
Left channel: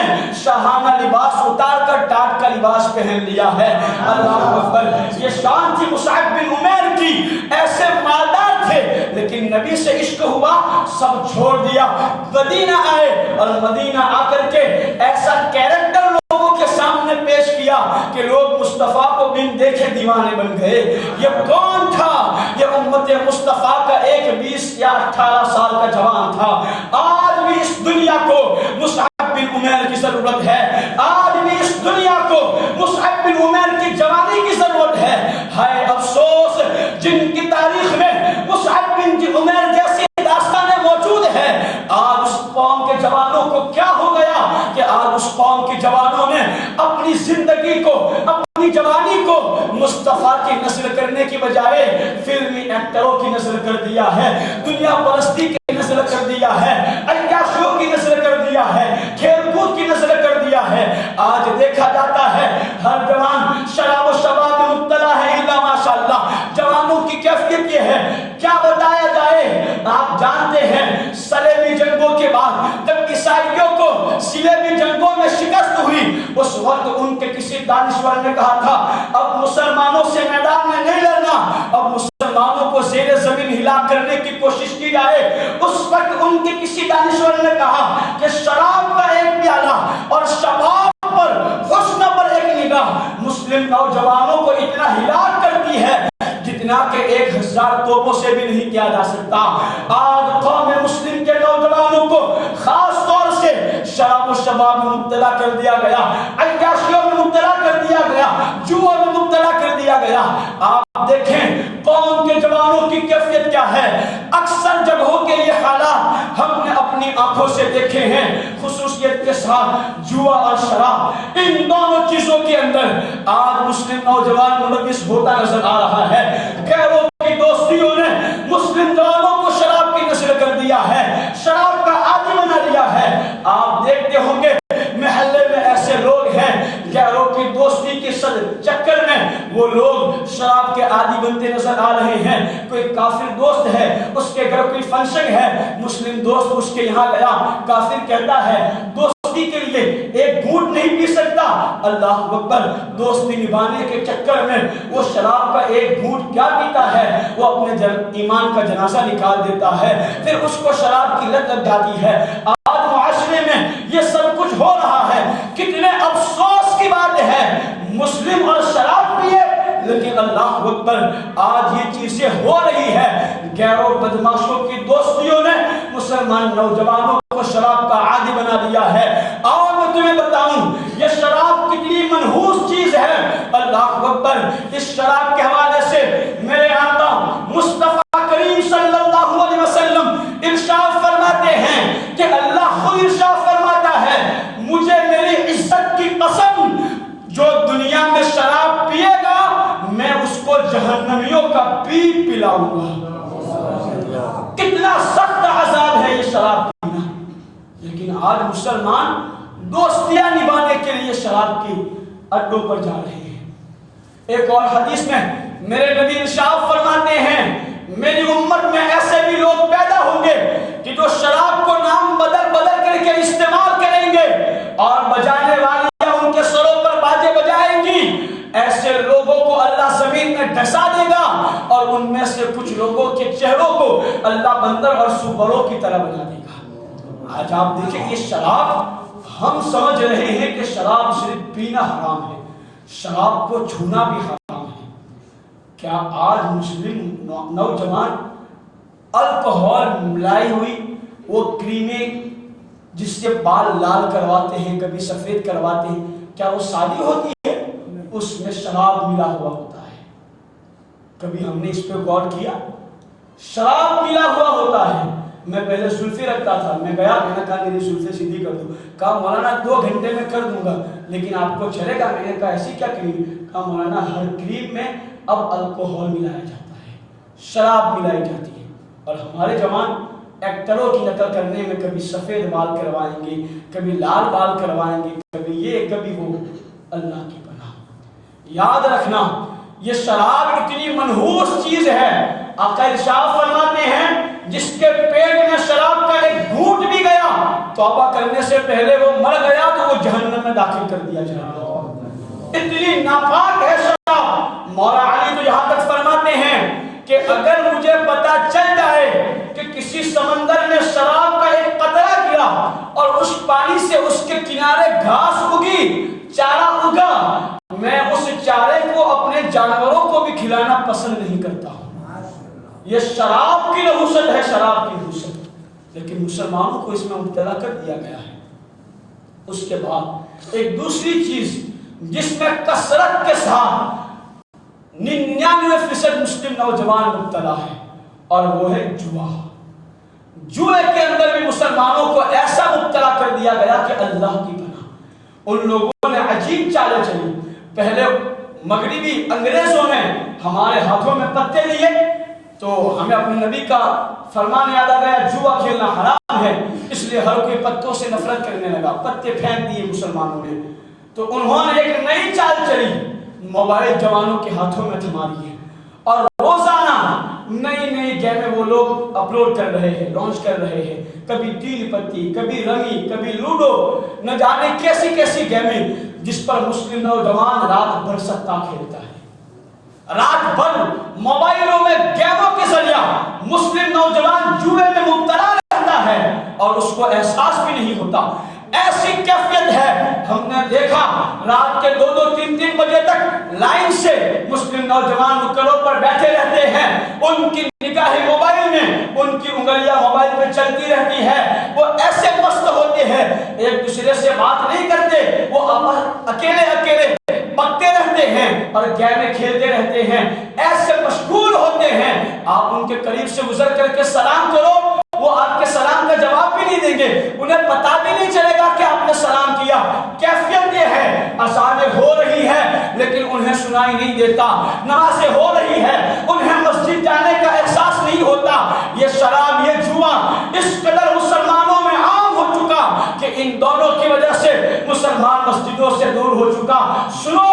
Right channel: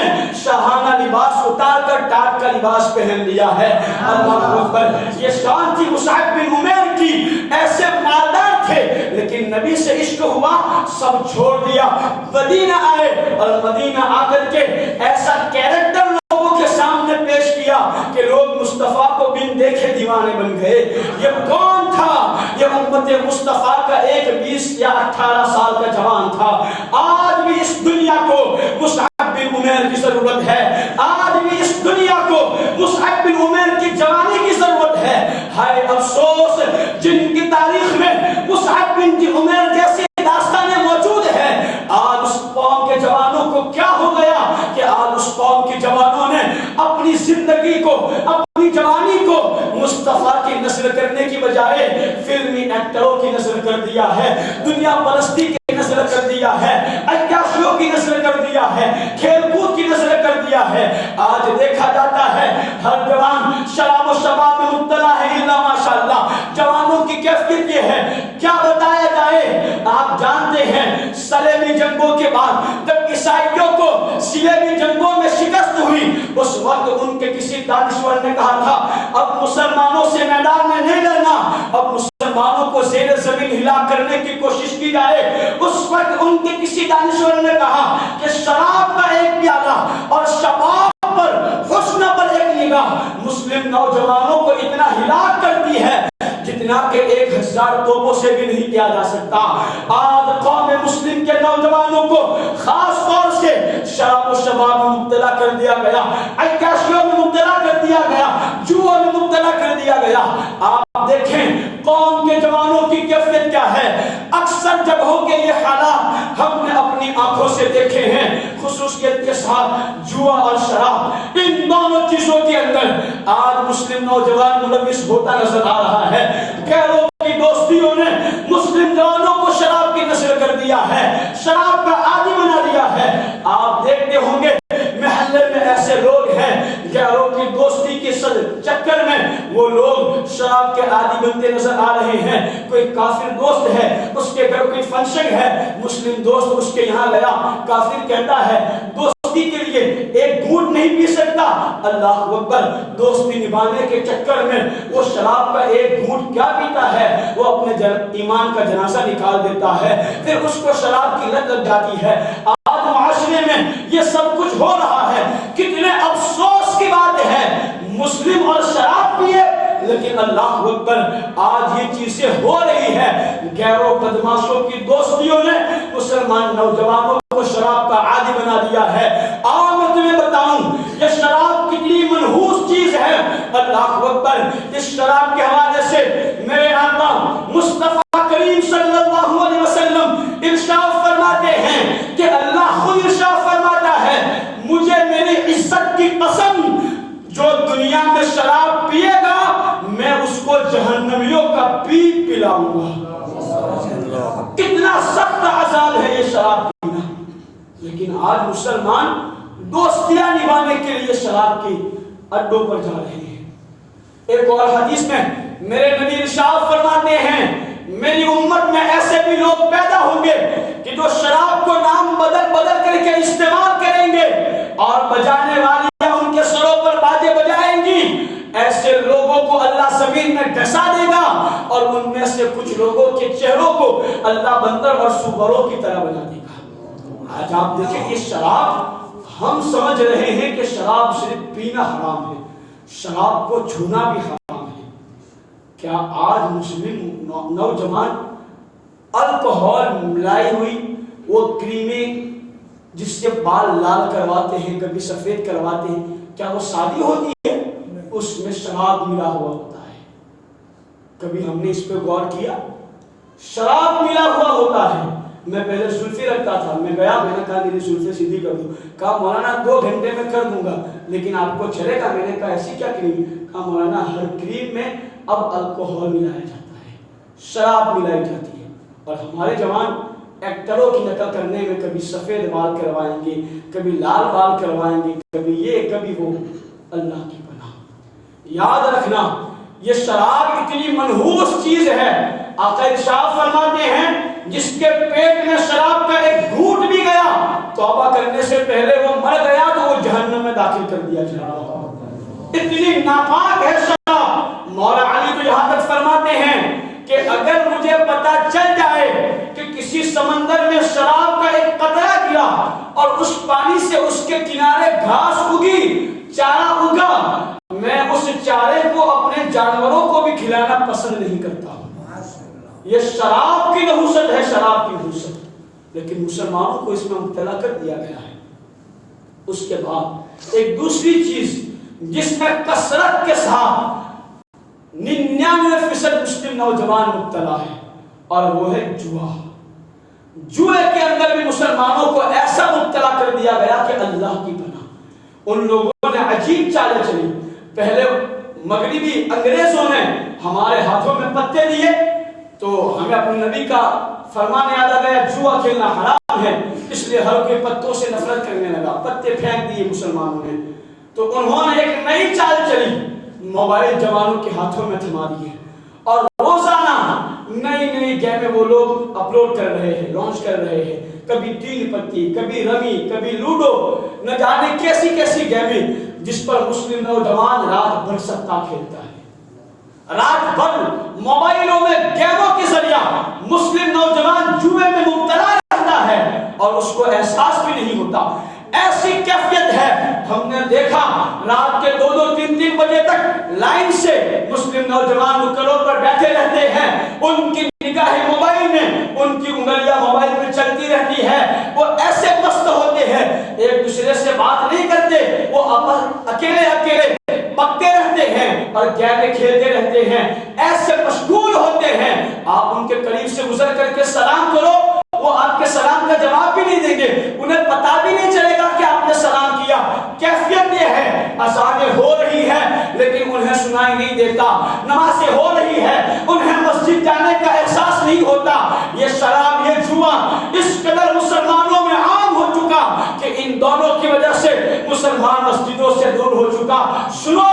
شاہانہ لباس اتار کر ٹاٹ کا لباس پہن لیا ہے۔ اللہ اکبر، یہ شان تھی مصعب بن عمیر کی، ایسے مالدار تھے لیکن نبی سے عشق ہوا، سب چھوڑ دیا، مدینہ آئے اور مدینہ آ کر کے ایسا کیریکٹر لوگوں کے سامنے پیش کیا کہ لوگ مصطفیٰ کو بن دیکھے دیوانے بن گئے۔ یہ کون تھا؟ یہ امت مصطفیٰ کا ایک 20 یا 18 سال کا جوان تھا۔ آج بھی اس دنیا کو مصعب بن عمیر کی ضرورت ہے، آج بھی اس دنیا کو مصعب بن عمیر کی جوانی کی ضرورت ہے۔ ہائے افسوس جن کی تاریخ میں مصعب بن عمیر جیسی داستانیں موجود ہیں، آج اس قوم کے جوانوں کو کیا ہو گیا کہ آج اس قوم کے جوانوں نے اپنی زندگی کو، اپنی جوانی کو مصطفیٰ کی نسل کرنے کی بجائے فلمی ایکٹروں کی نسل کر دیا ہے، دنیا پرستی کی نسل کر دیا ہے، عیاشیوں کی نسل کر دیا ہے، کھیل کود کی نسل کر دیا ہے۔ آج دیکھا جاتا ہے ہر جوان شراب و شباب میں مبتلا ہے، الا ماشاءاللہ جوانوں کی کیفیت یہ ہے، کیا بتایا جائے؟ آپ جانتے ہیں صلیبی جنگوں کے بعد جب عیسائیوں کو صلیبی جنگوں میں شکست ہوئی، اس وقت ان کے کسی دانشور نے کہا تھا اب مسلمانوں سے میدان میں نہیں لڑنا، اب مسلمانوں کو زیر زمین ہلا کرنے کی کوشش کی جائے۔ اس وقت ان کے کسی دانشور نے کہا کہ شراب کا ایک پیالہ اور شباب پر، حسن پر ایک نگاہ مسلم نوجوانوں کو اتنا ہلاک کرتی ہے جتنا کہ 1000 توپوں سے بھی نہیں کیا جا سکتا۔ آج قوم مسلم کے نوجوانوں کو خاص طور سے شراب و شباب میں مبتلا کر دیا گیا، عیاشیوں میں مبتلا کر دیا گیا، جوا میں مبتلا کر دیا گیا۔ آپ دیکھیں قوم کے جوانوں کی کیفیت کیا ہے۔ اکثر جگہوں کے یہ حالات ہم نے اپنی آنکھوں سے دیکھے ہیں، خصوصیت کے ساتھ جوا اور شراب، ان دونوں چیزوں کے اندر آج مسلم نوجوان ملوث ہوتا نظر آ رہا ہے۔ غیروں کی دوستیوں نے مسلم جوانوں کو شراب کی نسل کر دیا ہے، شراب کا عادی بنا دیا ہے۔ آپ دیکھتے ہوں گے محلے میں ایسے لوگ ہیں غیروں کی دوستی کے چکر میں وہ لوگ شراب کے عادی بنتے نظر آ رہے ہیں۔ کوئی کافر دوست ہے، اس کے گھر کوئی فنکشن ہے، مسلم دوست اس کے یہاں گیا، کافر کہتا ہے دوستی کے لیے ایک گھونٹ نہیں پی سکتا، اللہ اکبر، دوستی نبھانے کے چکر میں وہ شراب کا ایک گھونٹ کیا پیتا ہے، وہ اپنے ایمان کا جنازہ نکال دیتا ہے، پھر اس کو شراب کی لت لگ جاتی ہے۔ آج معاشرے میں یہ سب کچھ ہو رہا ہے، کتنے افسوس کی بات ہے، مسلم اور شراب پیے لیکن اللہ اکبر آج یہ چیزیں ہو رہی ہے۔ غیروں بدماشوں کی دوستیوں نے مسلمان نوجوانوں کو شراب کا عادی بنا دیا ہے۔ آؤ میں تمہیں بتاؤں یہ شراب کتنی منحوس چیز ہے، اللہ اکبر۔ اس شراب کے حوالے سے میرے آقا مصطفیٰ کریم صلی اللہ علیہ وسلم ارشاد فرماتے ہیں کہ اللہ خود ارشاد فرماتا ہے مجھے میری عزت کی قسم جو دنیا میں شراب پیے گا میں اس کو جہنمیوں کا پیپ پلاؤں گا۔ کتنا سخت عذاب ہے یہ شراب پینا، لیکن آج مسلمان دوستیاں نبھانے کے لیے شراب کے اڈوں پر جا رہے ہیں۔ ایک اور حدیث میں میرے نبی ارشاد فرماتے ہیں میری امت میں ایسے بھی لوگ پیدا ہوں گے کہ جو شراب کو نام بدل بدل کر کے استعمال کریں گے اور بجانے والیاں ان کے سروں پر باجے بجائیں گی۔ ایسے لوگوں کو اللہ زمین میں ڈھسا دے گا اور ان میں سے کچھ لوگوں کے چہروں کو اللہ بندر اور سوروں کی طرح بنا دے گا۔ آج آپ دیکھیں یہ شراب، ہم سمجھ رہے ہیں کہ شراب صرف پینا حرام ہے، شراب کو چھونا بھی حرام ہے۔ کیا آج مسلم نوجوان الکحول ملائی ہوئی وہ کریمیں جس سے بال لال کرواتے ہیں، کبھی سفید کرواتے ہیں، کیا وہ سادی ہوتی ہے؟ اس میں شراب ملا ہوا ہوتا ہے۔ کبھی ہم نے اس پہ غور کیا؟ شراب ملا ہوا ہوتا ہے۔ میں پہلے زلفی رکھتا تھا، میں گیا، میں نے کہا میری زلفیں سیدھی کر دو، کہا مولانا 2 گھنٹے میں کر دوں گا، لیکن آپ کو چلے گا؟ میں نے کہا ایسی کیا کریم؟ کہا مولانا ہر کریم میں اب الکوہول ملایا جاتا ہے، شراب ملائی جاتی ہے، اور ہمارے جوان ایکٹروں کی نقل کرنے میں کبھی سفید بال کروائیں گے، کبھی لال بال کروائیں گے، کبھی یہ کبھی وہ۔ اللہ کی پناہ، یاد رکھنا یہ شراب اتنی منحوس چیز ہے، آقا ارشاد فرماتے ہیں جس کے پیٹ میں شراب کا ایک گھونٹ بھی گیا توبہ کرنے سے پہلے وہ مر گیا تو وہ جہنم میں داخل کر دیا جائے گا، اتنی ناپاک ہے شراب۔ مولا علی تو یہاں تک فرماتے ہیں کہ اگر مجھے پتا چل جائے کہ کسی سمندر میں شراب کا ایک قطرہ گرا اور اس پانی سے اس کے کنارے گھاس اگی، چارہ اگا، میں اس چارے کو اپنے جانوروں کو بھی کھلانا پسند نہیں کرتا ہوں۔ یہ شراب کی نحوست ہے، شراب کی نحوست، لیکن مسلمانوں کو اس میں مبتلا کر دیا گیا ہے۔ اس کے بعد ایک دوسری چیز جس میں کثرت کے ساتھ 99% مسلم نوجوان مبتلا ہے، اور وہ ہے جوا۔ جوئے کے اندر بھی مسلمانوں کو ایسا مبتلا کر دیا گیا کہ اللہ کی پناہ۔ ان لوگوں نے عجیب چالیں چلی، پہلے مغربی انگریزوں نے ہمارے ہاتھوں میں پتے دیے تو ہمیں اپنے نبی کا فرمان یاد آ گیا جوا کھیلنا حرام ہے، اس لیے ہر کوئی پتوں سے نفرت کرنے لگا، پتے پھینک دیے مسلمانوں نے۔ تو انہوں نے ایک نئی چال چلی، موبائل جوانوں کے ہاتھوں میں تھما دیے، اور روزانہ نئی نئی گیمیں وہ لوگ اپلوڈ کر رہے ہیں، لانچ کر رہے ہیں، کبھی تین پتی، کبھی رمی، کبھی لوڈو، نہ جانے کیسی کیسی گیمیں جس پر مسلم نوجوان رات بھر سٹا کھیلتا ہے۔ رات بھر موبائلوں میں گیموں کے ذریعہ مسلم نوجوان جوئے میں مبتلا رہتا ہے اور اس کو احساس بھی نہیں ہوتا۔ ایسی کیفیت ہے، ہم نے دیکھا رات کے 2-2 3-3 بجے تک لائن سے مسلم نوجوان نکڑوں پر بیٹھے رہتے ہیں، ان کی نگاہیں موبائل میں، ان کی انگلیاں موبائل میں چلتی رہتی ہے، وہ ایسے مست ہوتے ہیں ایک دوسرے سے بات نہیں کرتے، وہ اکیلے اکیلے پکے رہتے ہیں اور گیمیں کھیلتے رہتے ہیں، ایسے مشغول ہوتے ہیں۔ آپ ان کے قریب سے گزر کر کے سلام کرو، وہ آپ کے سلام کا جواب بھی نہیں دیں گے، انہیں پتا بھی نہیں چلے گا کہ آپ نے سلام کیا۔ کیفیت یہ ہے، اذانیں ہو رہی ہے لیکن انہیں سنائی نہیں دیتا، نمازیں ہو رہی ہے انہیں مسجد جانے کا احساس نہیں ہوتا۔ یہ شراب، یہ جوا اس قدر مسلمانوں میں عام ہو چکا کہ ان دونوں کی وجہ سے مسلمان مسجدوں سے دور ہو چکا۔ سنو،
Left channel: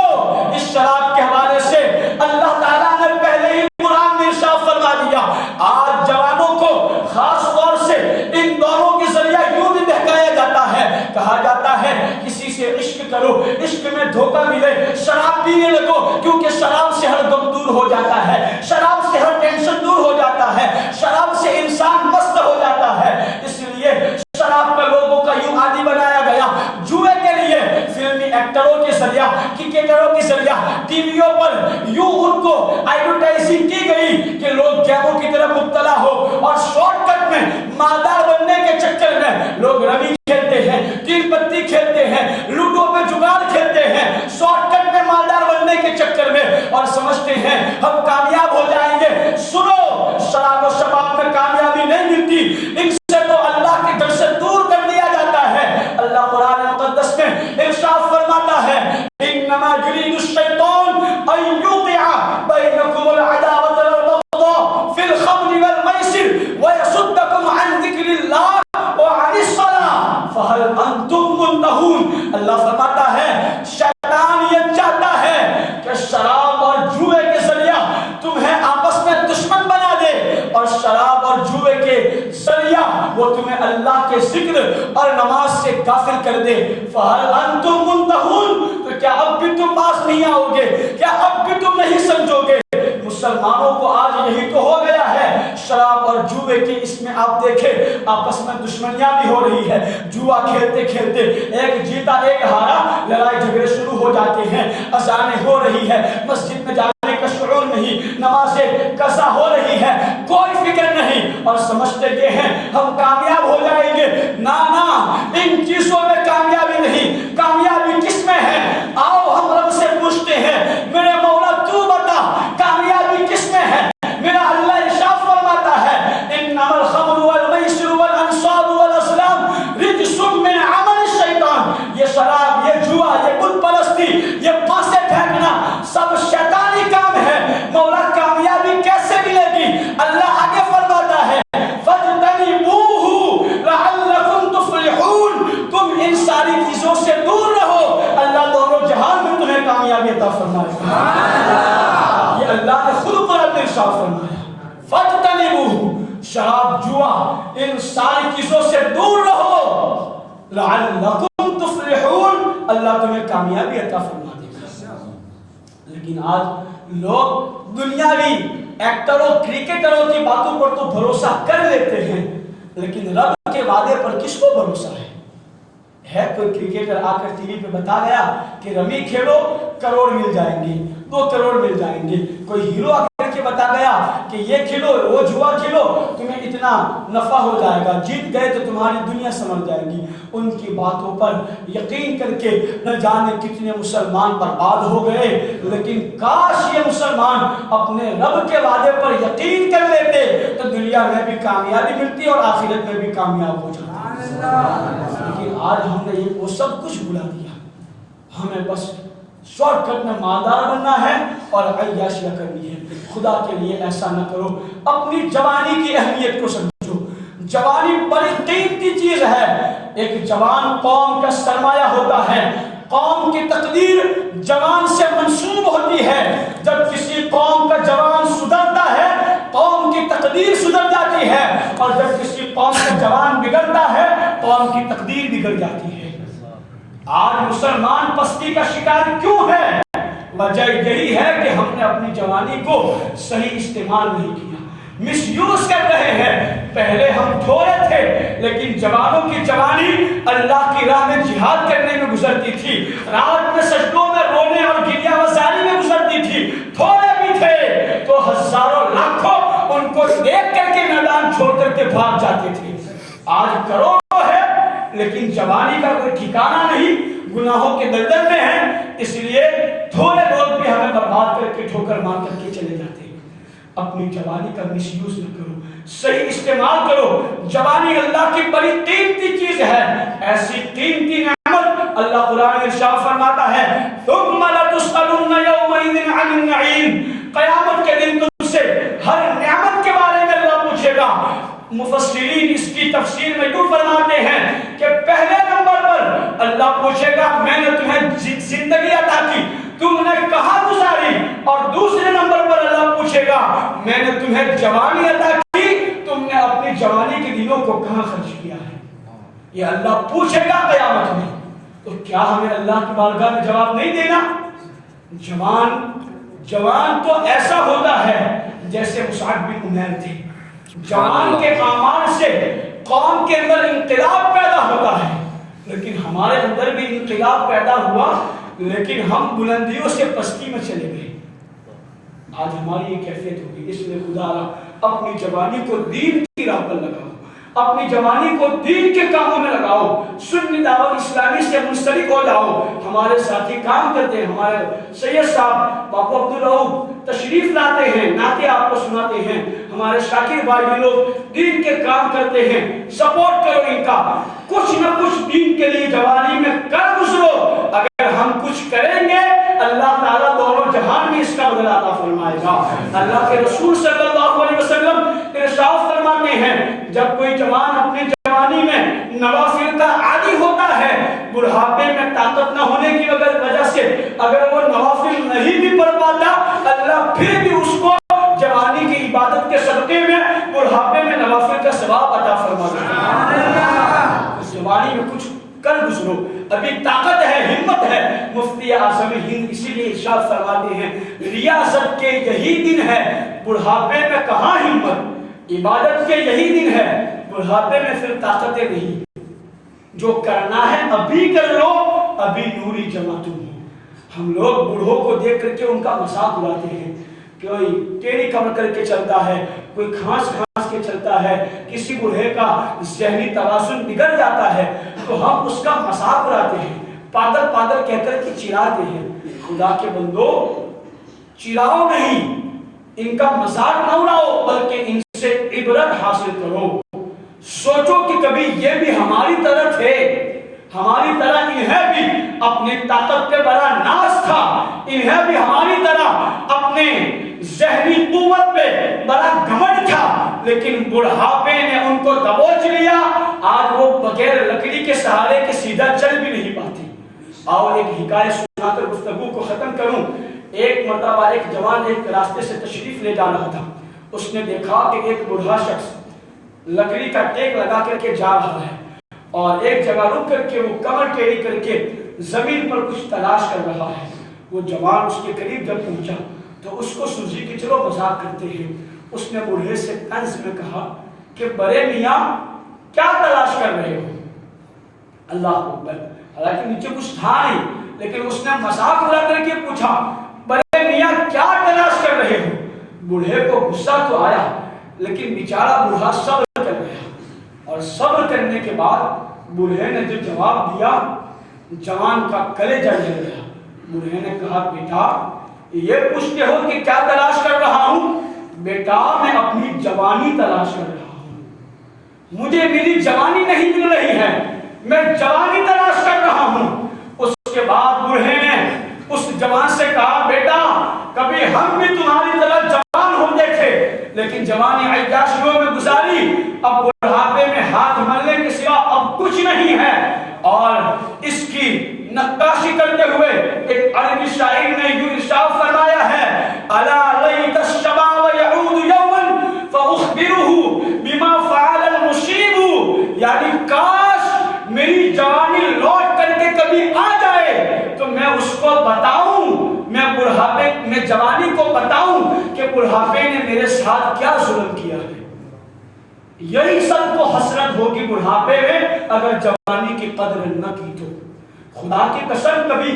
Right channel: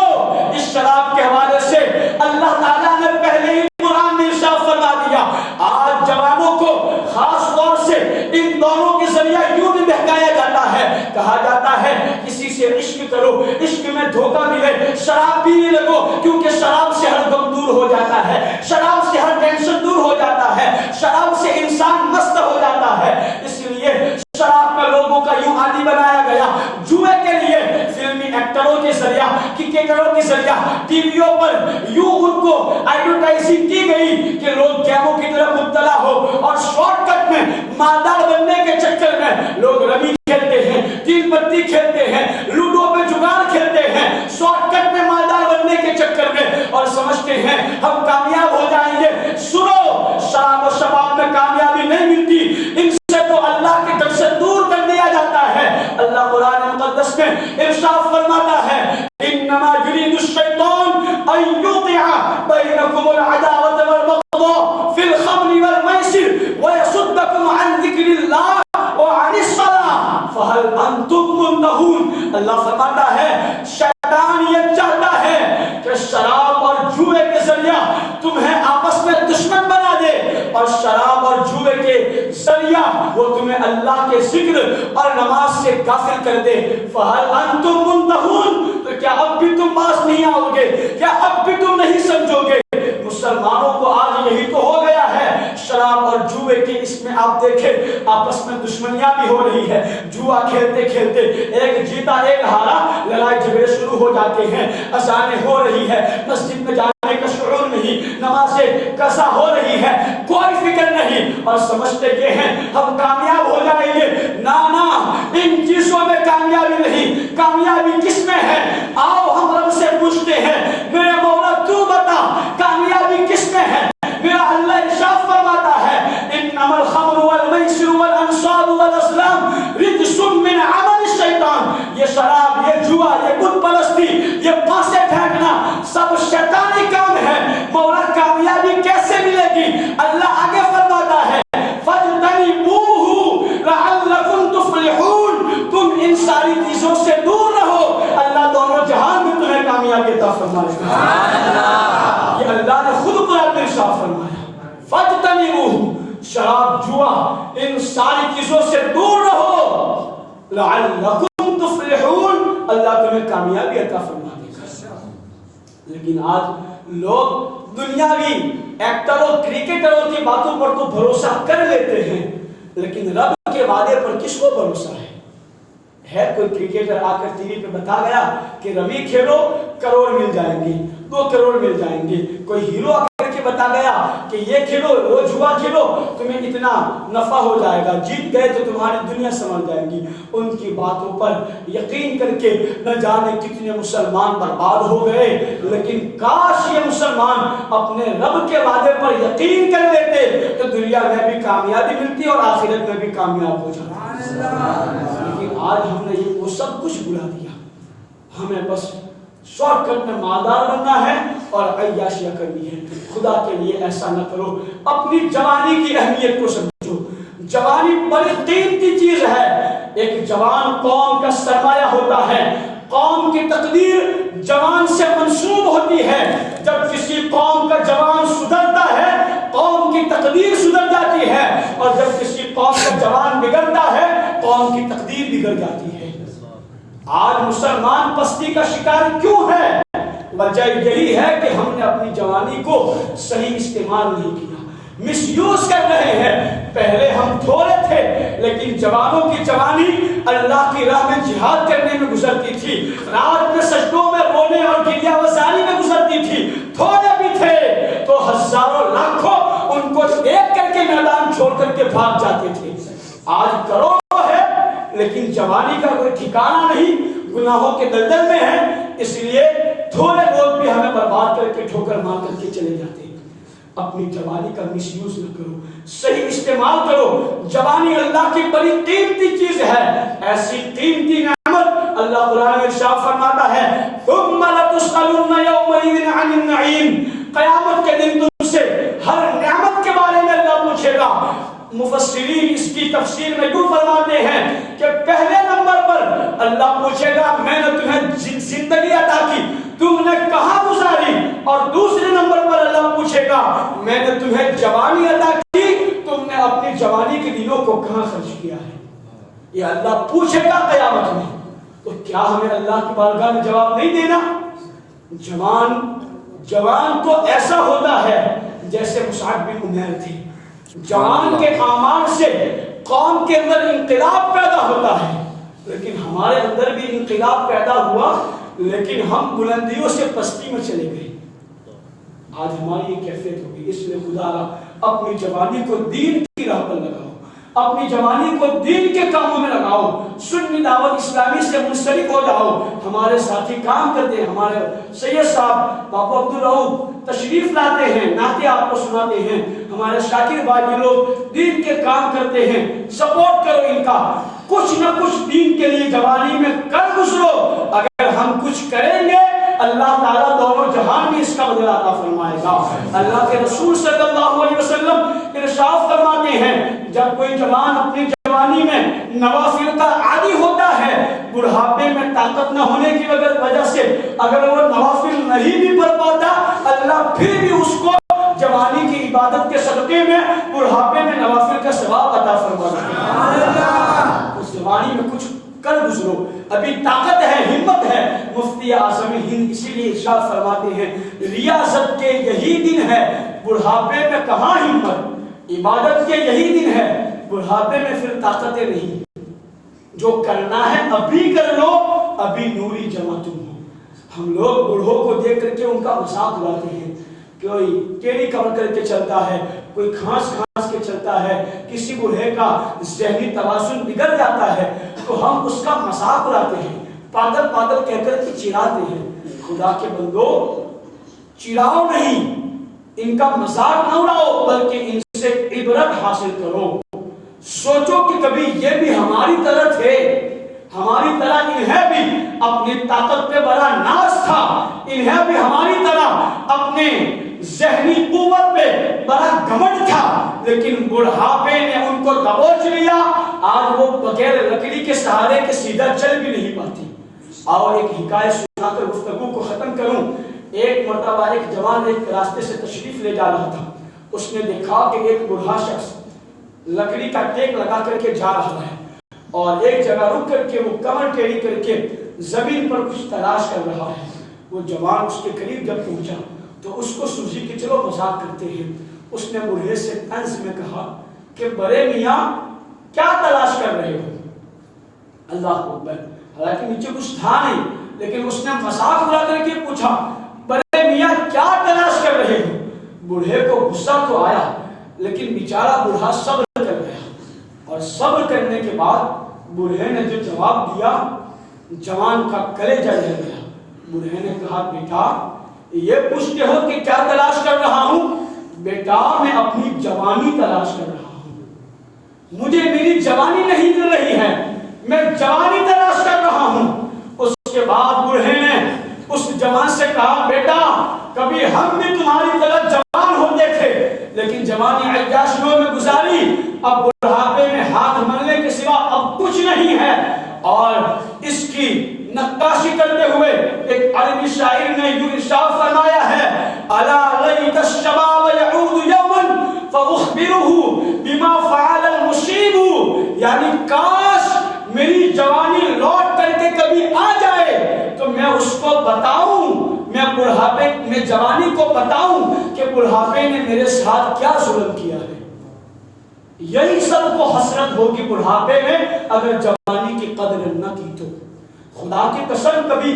اس شراب کے حوالے سے اللہ تعالیٰ نے پہلے ہی قرآن میں ارشاد فرما دیا، آج جوانوں کو خاص طور سے ان دونوں کے ذریعہ یوں بھی بہکایا جاتا ہے، کہا جاتا ہے کسی سے عشق کرو، عشق میں دھوکہ ملے، شراب پینے لگو، کیونکہ شراب سے ہر غم دور ہو جاتا ہے، شراب سے ہر ٹینشن دور ہو جاتا ہے، شراب سے انسان مست ہو جاتا ہے۔ اس لیے شراب کا لوگوں کا یوں عادی بنایا گیا۔ جوئے کے لیے فلمی ایکٹروں کے ذریعہ، کرکٹروں کے ذریعہ ٹی ویوں پر یوں ان کو ایڈورٹائزنگ کی گئی کہ لوگ گیموں کی طرف مبتلا ہو، اور شارٹ کٹ میں مالدار بننے کے چکر میں لوگ رمی کھیلتے ہیں، تین پتی کھیلتے ہیں، لوڈو پہ جگار کھیلتے ہیں، شارٹ کٹ میں مالدار بننے کے چکر میں، اور سمجھتے ہیں ہم کامیاب ہو جائیں گے۔ سنو، شراب و شباب میں کامیابی نہیں ملتی، ان سے تو اللہ کے در سے دور کر دیا جاتا ہے۔ اللہ قرآن مقدس میں ارشاد فرماتا ہے، انما یرید الشیطان ان یوقع بینکم العداوۃ والبغضاء فی الخمر والمیسر ویصدکم عن ذکر اللہ وعن الصلاۃ فہل انتم منتہون۔ اللہ فرماتا ہے شیطان یہ چاہتا ہے کہ شراب اور جوئے کے ذریعہ تمہیں آپس میں دشمن بنا دے، اور شراب اور جوئے کے ذریعہ وہ تمہیں اللہ کے ذکر اور نماز سے غافل کر دے۔ فہل انتم منتہون، تو کیا اب بھی تم باز نہیں آؤ گے؟ کیا اب بھی تم نہیں سمجھو گے؟ مسلمانوں کو آج یہی تو ہو گیا ہے، شراب اور جوئے کی اس میں آپ دیکھیں آپس میں دشمنیاں بھی ہو رہی ہے، جوا کھیلتے کھیلتے ایک جیتا ایک ہارا، لڑائی جھگڑے شروع ہو جاتے ہیں، اذانیں ہو رہی ہے، مسجد میں جانے کا شعور نہیں، نمازیں قضا ہو رہی ہے، کوئی فکر نہیں، اور سمجھتے یہ ہیں ہم کامیاب ہو جائیں گے۔ نا نا، ان چیزوں میں کامیابی نہیں، کامیابی کس میں ہے؟ آؤ ہم رب سے پوچھتے ہیں، میرے مولا تو بتا کامیابی کس میں ہے؟ میرا اللہ ارشاد فرماتا ہے، انما الخمر والمیسر والانصاب والازلام رجس من عمل الشیطان۔ یہ شراب، یہ جوا، یہ یہ اللہ نے خود قرآن میں ارشاد فرمایا فَاجْتَنِبُوهُ، شراب جوا ان ساری چیزوں سے دور رہو لَعَلَّكُمْ تُفْلِحُونَ، اللہ تمہیں کامیابی عطا فرما دے گا۔ لیکن آج لوگ دنیاوی ایکٹروں کرکٹروں کی باتوں پر تو بھروسہ کر لیتے ہیں، لیکن رب کے وعدے پر کس کو بھروسہ ہے کوئی کرکٹر آ کر ٹی وی پہ بتا گیا کہ رمی کھیلو کروڑ مل جائیں گے، 2 کروڑ مل جائیں گے، کوئی ہیرو آ کر کے بتا گیا کہ یہ کھیلو وہ جوا کھیلو تمہیں اتنا نفع ہو جائے گا، جیت گئے تو تمہاری دنیا سمجھ جائے گی، ان کی باتوں پر یقین کر کے نہ جانے کتنے مسلمان برباد ہو گئے۔ لیکن کاش یہ مسلمان اپنے رب کے وعدے پر یقین کر لیتے تو دنیا میں بھی کامیابی ملتی اور آخرت میں بھی کامیاب ہو جاتے۔ لیکن آج ہم نے یہ وہ سب کچھ بھلا دیا، ہمیں بس شارٹ کٹ میں مالدار بننا ہے اور عیاشیاں کرنی ہے۔ خدا کے لیے ایسا نہ کرو، اپنی جوانی کی اہمیت کو سمجھو۔ جوانی بڑی قیمتی چیز ہے، ایک جوان قوم کا سرمایہ ہوتا ہے، قوم کی تقدیر جوان سے منسوب ہوتی ہے۔ جب کسی قوم کا جوان سدھرتا ہے قوم کی تقدیر سدھر جاتی ہے، اور جب کسی قوم کا جوان بگڑتا ہے قوم کی تقدیر بگڑ جاتی ہے۔ آج مسلمان پستی کا شکار کیوں ہے؟ وجہ یہی ہے کہ ہم نے اپنی جوانی کو صحیح استعمال نہیں کیا، مس یوز کر رہے ہیں۔ پہلے ہم تھوڑے تھے لیکن جوانوں کی جوانی اللہ کی راہ میں جہاد کرنے میں گزرتی تھی، رات میں سجدوں میں رونے اور گریہ وزاری میں گزرتی تھی۔ تھوڑے بھی تھے تو ہزاروں لاکھوں ان کو دیکھ کر کے میدان چھوڑ کر کے بھاگ جاتے تھے۔ آج کروڑوں ہے لیکن جوانی کا کوئی ٹھکانہ نہیں، گناہوں کے دلدل میں ہیں، اس لیے تھوڑے لوگ بھی ہمیں برباد کر کے ٹھوکر مار کر کے چلے جاتے ہیں۔ اپنی جوانی کا مس یوز نہ کرو، صحیح استعمال کرو۔ جوانی اللہ کی بڑی قیمتی چیز ہے، ایسی قیمتی نعمت اللہ قرآن میں ارشاد فرماتا ہے ثم لتسألن یومئذ عن النعیم، قیامت کے دن تم سے ہر نعمت کے بارے میں اللہ پوچھے گا۔ مفسرین اس کی تفسیر میں یوں فرماتے ہیں کہ پہلے نمبر پر اللہ پوچھے گا میں نے تمہیں زندگی عطا کی، تم نے کہاں گزاری، اور دوسرے نمبر پر اللہ پوچھے گا میں نے تمہیں جوانی عطا کی، تم نے اپنی جوانی کے دنوں کو کہاں خرچ کیا ہے۔ یہ اللہ پوچھے گا قیامت میں۔ تو کیا ہمیں اللہ کی بارگاہ میں جواب نہیں دینا؟ جوان تو ایسا ہوتا ہے جیسے مصعب بن عمیر تھے، جوان کے اعمال سے قوم کے اندر انقلاب پیدا ہوتا ہے، لیکن ہمارے اندر بھی انقلاب پیدا ہوا لیکن ہم بلندیوں سے پستی میں چلے گئے۔ آج ہماری یہ کیفیت ہوگی، اس لیے خدا را اپنی جوانی کو دین کی راہ پر لگاؤ، اپنی جوانی کو دین کے کاموں میں لگاؤ، سنی دعوت اسلامی سے منسلک ہو جاؤ۔ ہمارے ساتھی کام کرتے ہیں، ہمارے سید صاحب باپو عبدالرؤف تشریف لاتے ہیں، نعتیں آپ کو سناتے ہیں، ہمارے شاکر بھائی لوگ دین کے کام کرتے ہیں، سپورٹ کرو ان کا، کچھ نہ کچھ دین کے لیے جوانی میں کر گزرو۔ اگر ہم کچھ کریں گے اللہ تعالیٰ دونوں جہان میں اس کا بدلہ عطا فرمائے گا۔ اللہ کے رسول صلی اللہ علیہ وسلم ارشاد فرماتے ہیں جب کوئی جوان اپنی جوانی میں نوافل کا عادی ہوتا ہے، بڑھاپے میں طاقت نہ ہونے کی وجہ سے اگر وہ نوافل نہیں بھی پڑھ پاتا، اللہ پھر بھی اس کو جوانی کی عبادت کے صدقے میں بڑھاپے میں نوافل کا ثواب عطا فرماتا ہے۔ اس جوانی میں کچھ کر گزرو، ابھی طاقت ہے، ہمت ہے۔ مفتی اعظم ہند اسی لیے ارشاد فرماتے ہیں ریاضت کے یہی دن ہے، بڑھاپے میں کہاں ہمت، عبادت کے یہی دن ہے، بڑھاپے میں پھر طاقتیں نہیں۔ جو کرنا ہے ابھی کر لو، ابھی نوری جمع تم ہو۔ ہم لوگ بوڑھوں کو دیکھ کر کے ان کا مذاق اڑاتے ہیں، کوئی ٹیڑھی کمر کر کے چلتا ہے، کوئی کھانس کے چلتا ہے، کسی بوڑھے کا ذہنی توازن بگڑ جاتا ہے تو ہم اس کا مذاق اڑاتے ہیں، پاگل پاگل کہہ کر کے چڑھاتے ہیں۔ خدا کے بندو چڑھاؤ نہیں، ان کا مذاق نہ اڑاؤ، بلکہ ان سے عبرت حاصل کرو۔ سوچو کہ کبھی یہ بھی ہماری طرح تھے، ہماری طرح انہیں بھی اپنی طاقت پہ بڑا ناز تھا، انہیں بھی ہماری طرح اپنے ذہنی قوت پہ بڑا گھمنڈ تھا، لیکن بڑھاپے نے ان کو دبوچ لیا۔ آج وہ بغیر لکڑی کے سہارے کے سیدھا چل بھی نہیں پاتے۔ اور ایک حکایت سنا کر گفتگو کو ختم کروں۔ ایک مرتبہ ایک جوان ایک راستے سے تشریف لے جا رہا تھا، اس نے دیکھا کہ ایک بوڑھا شخص لکڑی کا ٹیک لگا کر کے جا رہا ہے اور ایک جگہ رک کر کے وہ کمر ٹیڑھی کر کے زمین پر کچھ تلاش کر رہا ہے۔ وہ جوان اس کے قریب جب پہنچا تو اس کو سوچی کہ چلو مذاق کرتے ہیں۔ اس نے بوڑھے سے طنز میں کہا کہ برے میاں کیا تلاش کر رہے ہو؟ اللہ اکبر، حالانکہ نیچے کچھ تھا نہیں، لیکن اس نے مذاق اڑا کر کے پوچھا برے میاں کیا تلاش کر رہے ہو؟ بوڑھے کو غصہ تو آیا، لیکن بیچارہ بوڑھا صبر کر گیا، اور صبر کرنے کے بعد بوڑھے نے جو جواب دیا جوان کا کلیجہ جل گیا۔ بوڑھے نے کہا بیٹا یہ پوچھتے ہو کہ کیا تلاش کر رہا ہوں؟ بیٹا میں اپنی جوانی تلاش کر رہا ہوں، مجھے میری جوانی نہیں مل رہی ہے، میں جوانی تلاش کر رہا ہوں۔ اس کے بعد بوڑھے نے اس جوان سے کہا بیٹا کبھی ہم بھی تمہاری طرح جوان ہو دیکھے، لیکن جوانی عیاشیوں میں گزاری، اب بڑھاپے میں ہاتھ ملنے کے سوا اب کچھ نہیں ہے۔ اور اس کی نقاشی کرتے ہوئے ایک عربی شاعر نے یوں ارشاد فرمایا ہے الا لیت الشباب یعود یوما فاخبره بما فعل المصیب، یعنی کاش میری جوانی لوٹ کر کے کبھی آ جائے تو میں اس کو بتاؤں، میں بڑھاپے میں جوانی کو بتاؤں کہ بڑھاپے نے میرے ساتھ کیا ظلم کیا ہے۔ یہی سب کو حسرت ہوگی بڑھاپے میں اگر جوانی کی قدر نہ کی تو۔ خدا کی قسم کبھی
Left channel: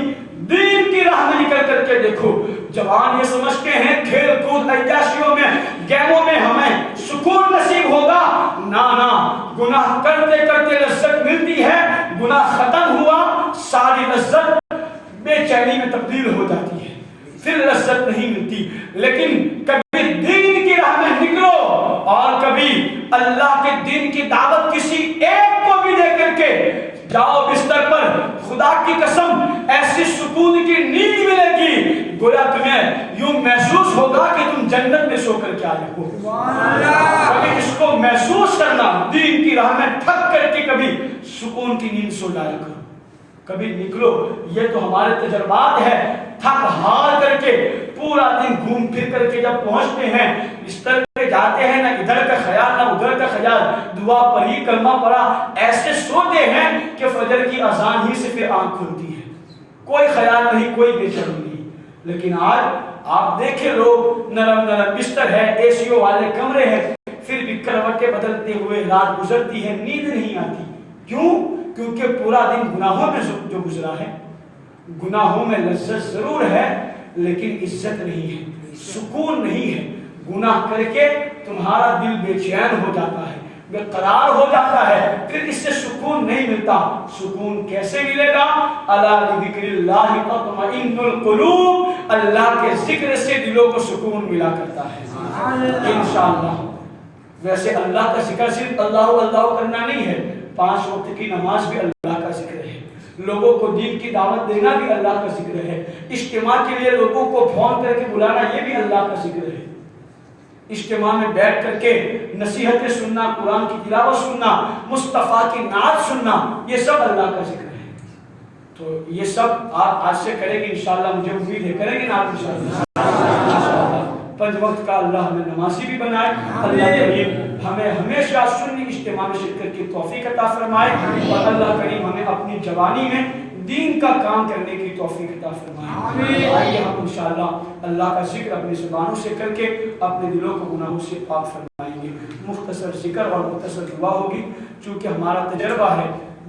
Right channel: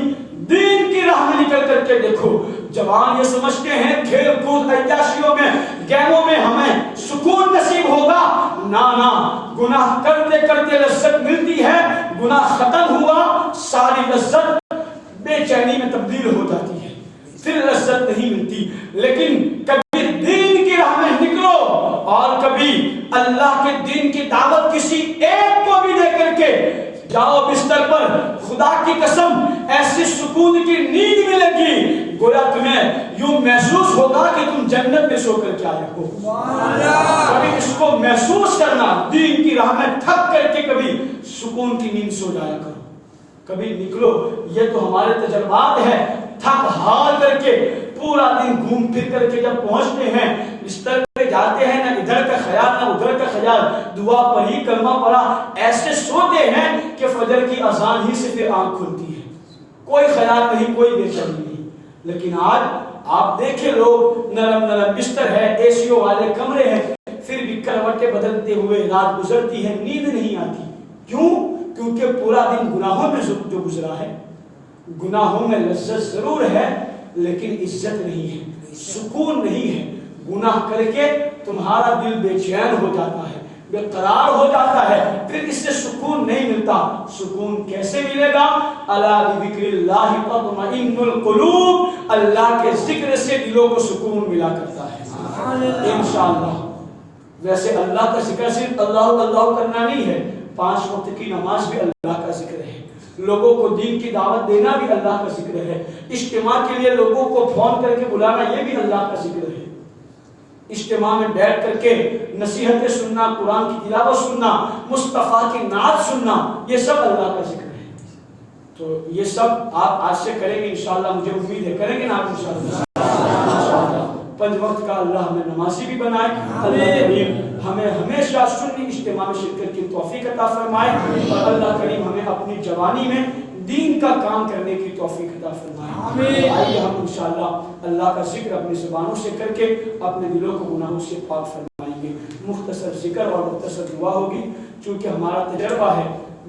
دین کی راہ میں نکل کر کے دیکھو، جوان یہ سمجھتے ہیں کھیل کود عیاشیوں میں گیموں میں ہمیں سکون نصیب ہوگا، نہ گناہ کرتے کرتے لذت ملتی ہے، گناہ ختم ہوا ساری لذت بے چینی میں تبدیل ہو جاتی ہے، پھر لذت نہیں ملتی۔ لیکن کبھی دین کی راہ میں نکلو اور کبھی اللہ کے دین کی دعوت کسی ایک کو بھی دے کر کے جاؤ بستر پر، خدا کی قسم ایسی سکون کی نیند ملے گی گویا تمہیں یوں محسوس ہوگا کہ تم جنت میں سو کر کے آئے ہو۔ کبھی اس کو محسوس کرنا، دین کی راہ میں تھک کر کے کبھی سکون کی نیند سو جایا کرو، کبھی نکلو۔ یہ تو ہمارے تجربات ہے، تھک ہار کر کے پورا دن گھوم پھر کر کے جب پہنچتے ہیں بستر پہ جاتے ہیں، نہ ادھر کا خیال نہ ادھر کا خیال، دعا پڑھی کلمہ پڑھا، ایسے سوتے ہیں کہ فجر کی اذان ہی سے پھر آنکھ کھلتی ہے، کوئی خیال نہیں، کوئی بے چینی نہیں۔ لیکن آج آپ دیکھیں لوگ نرم نرم بستر ہے، اے سیوں والے کمرے ہیں، پھر بھی کروٹیں بدلتے ہوئے رات گزرتی ہے، نیند نہیں آتی۔ کیوں؟ کیونکہ پورا دن گناہوں میں جو گزرا ہے۔ گناہوں میں لذت ضرور ہے لیکن عزت نہیں ہے، سکون نہیں ہے۔ گناہ کر کے تمہارا دل بے چین ہو جاتا ہے، بے قرار ہو جاتا ہے، پھر اس سے سکون نہیں ملتا۔ سکون کیسے ملے گا؟ الا بذکر اللہ تطمئن القلوب، اللہ کے ذکر سے دلوں کو سکون ملا کرتا ہے انشاءاللہ۔ ویسے اللہ کا ذکر صرف اللہ اللہ کرنا نہیں ہے، 5 وقت کی نماز بھی اللہ کا ذکر ہے، لوگوں کو دین کی دعوت دینا بھی اللہ کا ذکر ہے، اجتماع کے لیے لوگوں کو فون کر کے بلانا یہ بھی اللہ کا ذکر ہے، اجتماع میں بیٹھ کر کے نصیحتیں سننا، قرآن کی تلاوت سننا، مصطفیٰ کی نعت سننا، یہ سب اللہ کا ذکر ہے۔ تو یہ سب آپ آج سے کریں گے انشاءاللہ، مجھے امید ہے کریں گے نا آپ انشاءاللہ۔ 5 وقت کا اللہ ہمیں نمازی بھی بنائے، اللہ کریم ہمیں ہمیشہ سنی اجتماع میں شرکت کی توفیق عطا فرمائے، اور اللہ کریم ہمیں اپنی جوانی میں دین کا کام کرنے کی توفیق عطا فرمائے۔ آئیے ہم انشاءاللہ اللہ کا ذکر اپنی زبانوں سے کر کے اپنے دلوں کو گناہوں سے پاک فرمائیں گے۔ مختصر ذکر اور مختصر دعا ہوگی، چونکہ ہمارا تجربہ ہے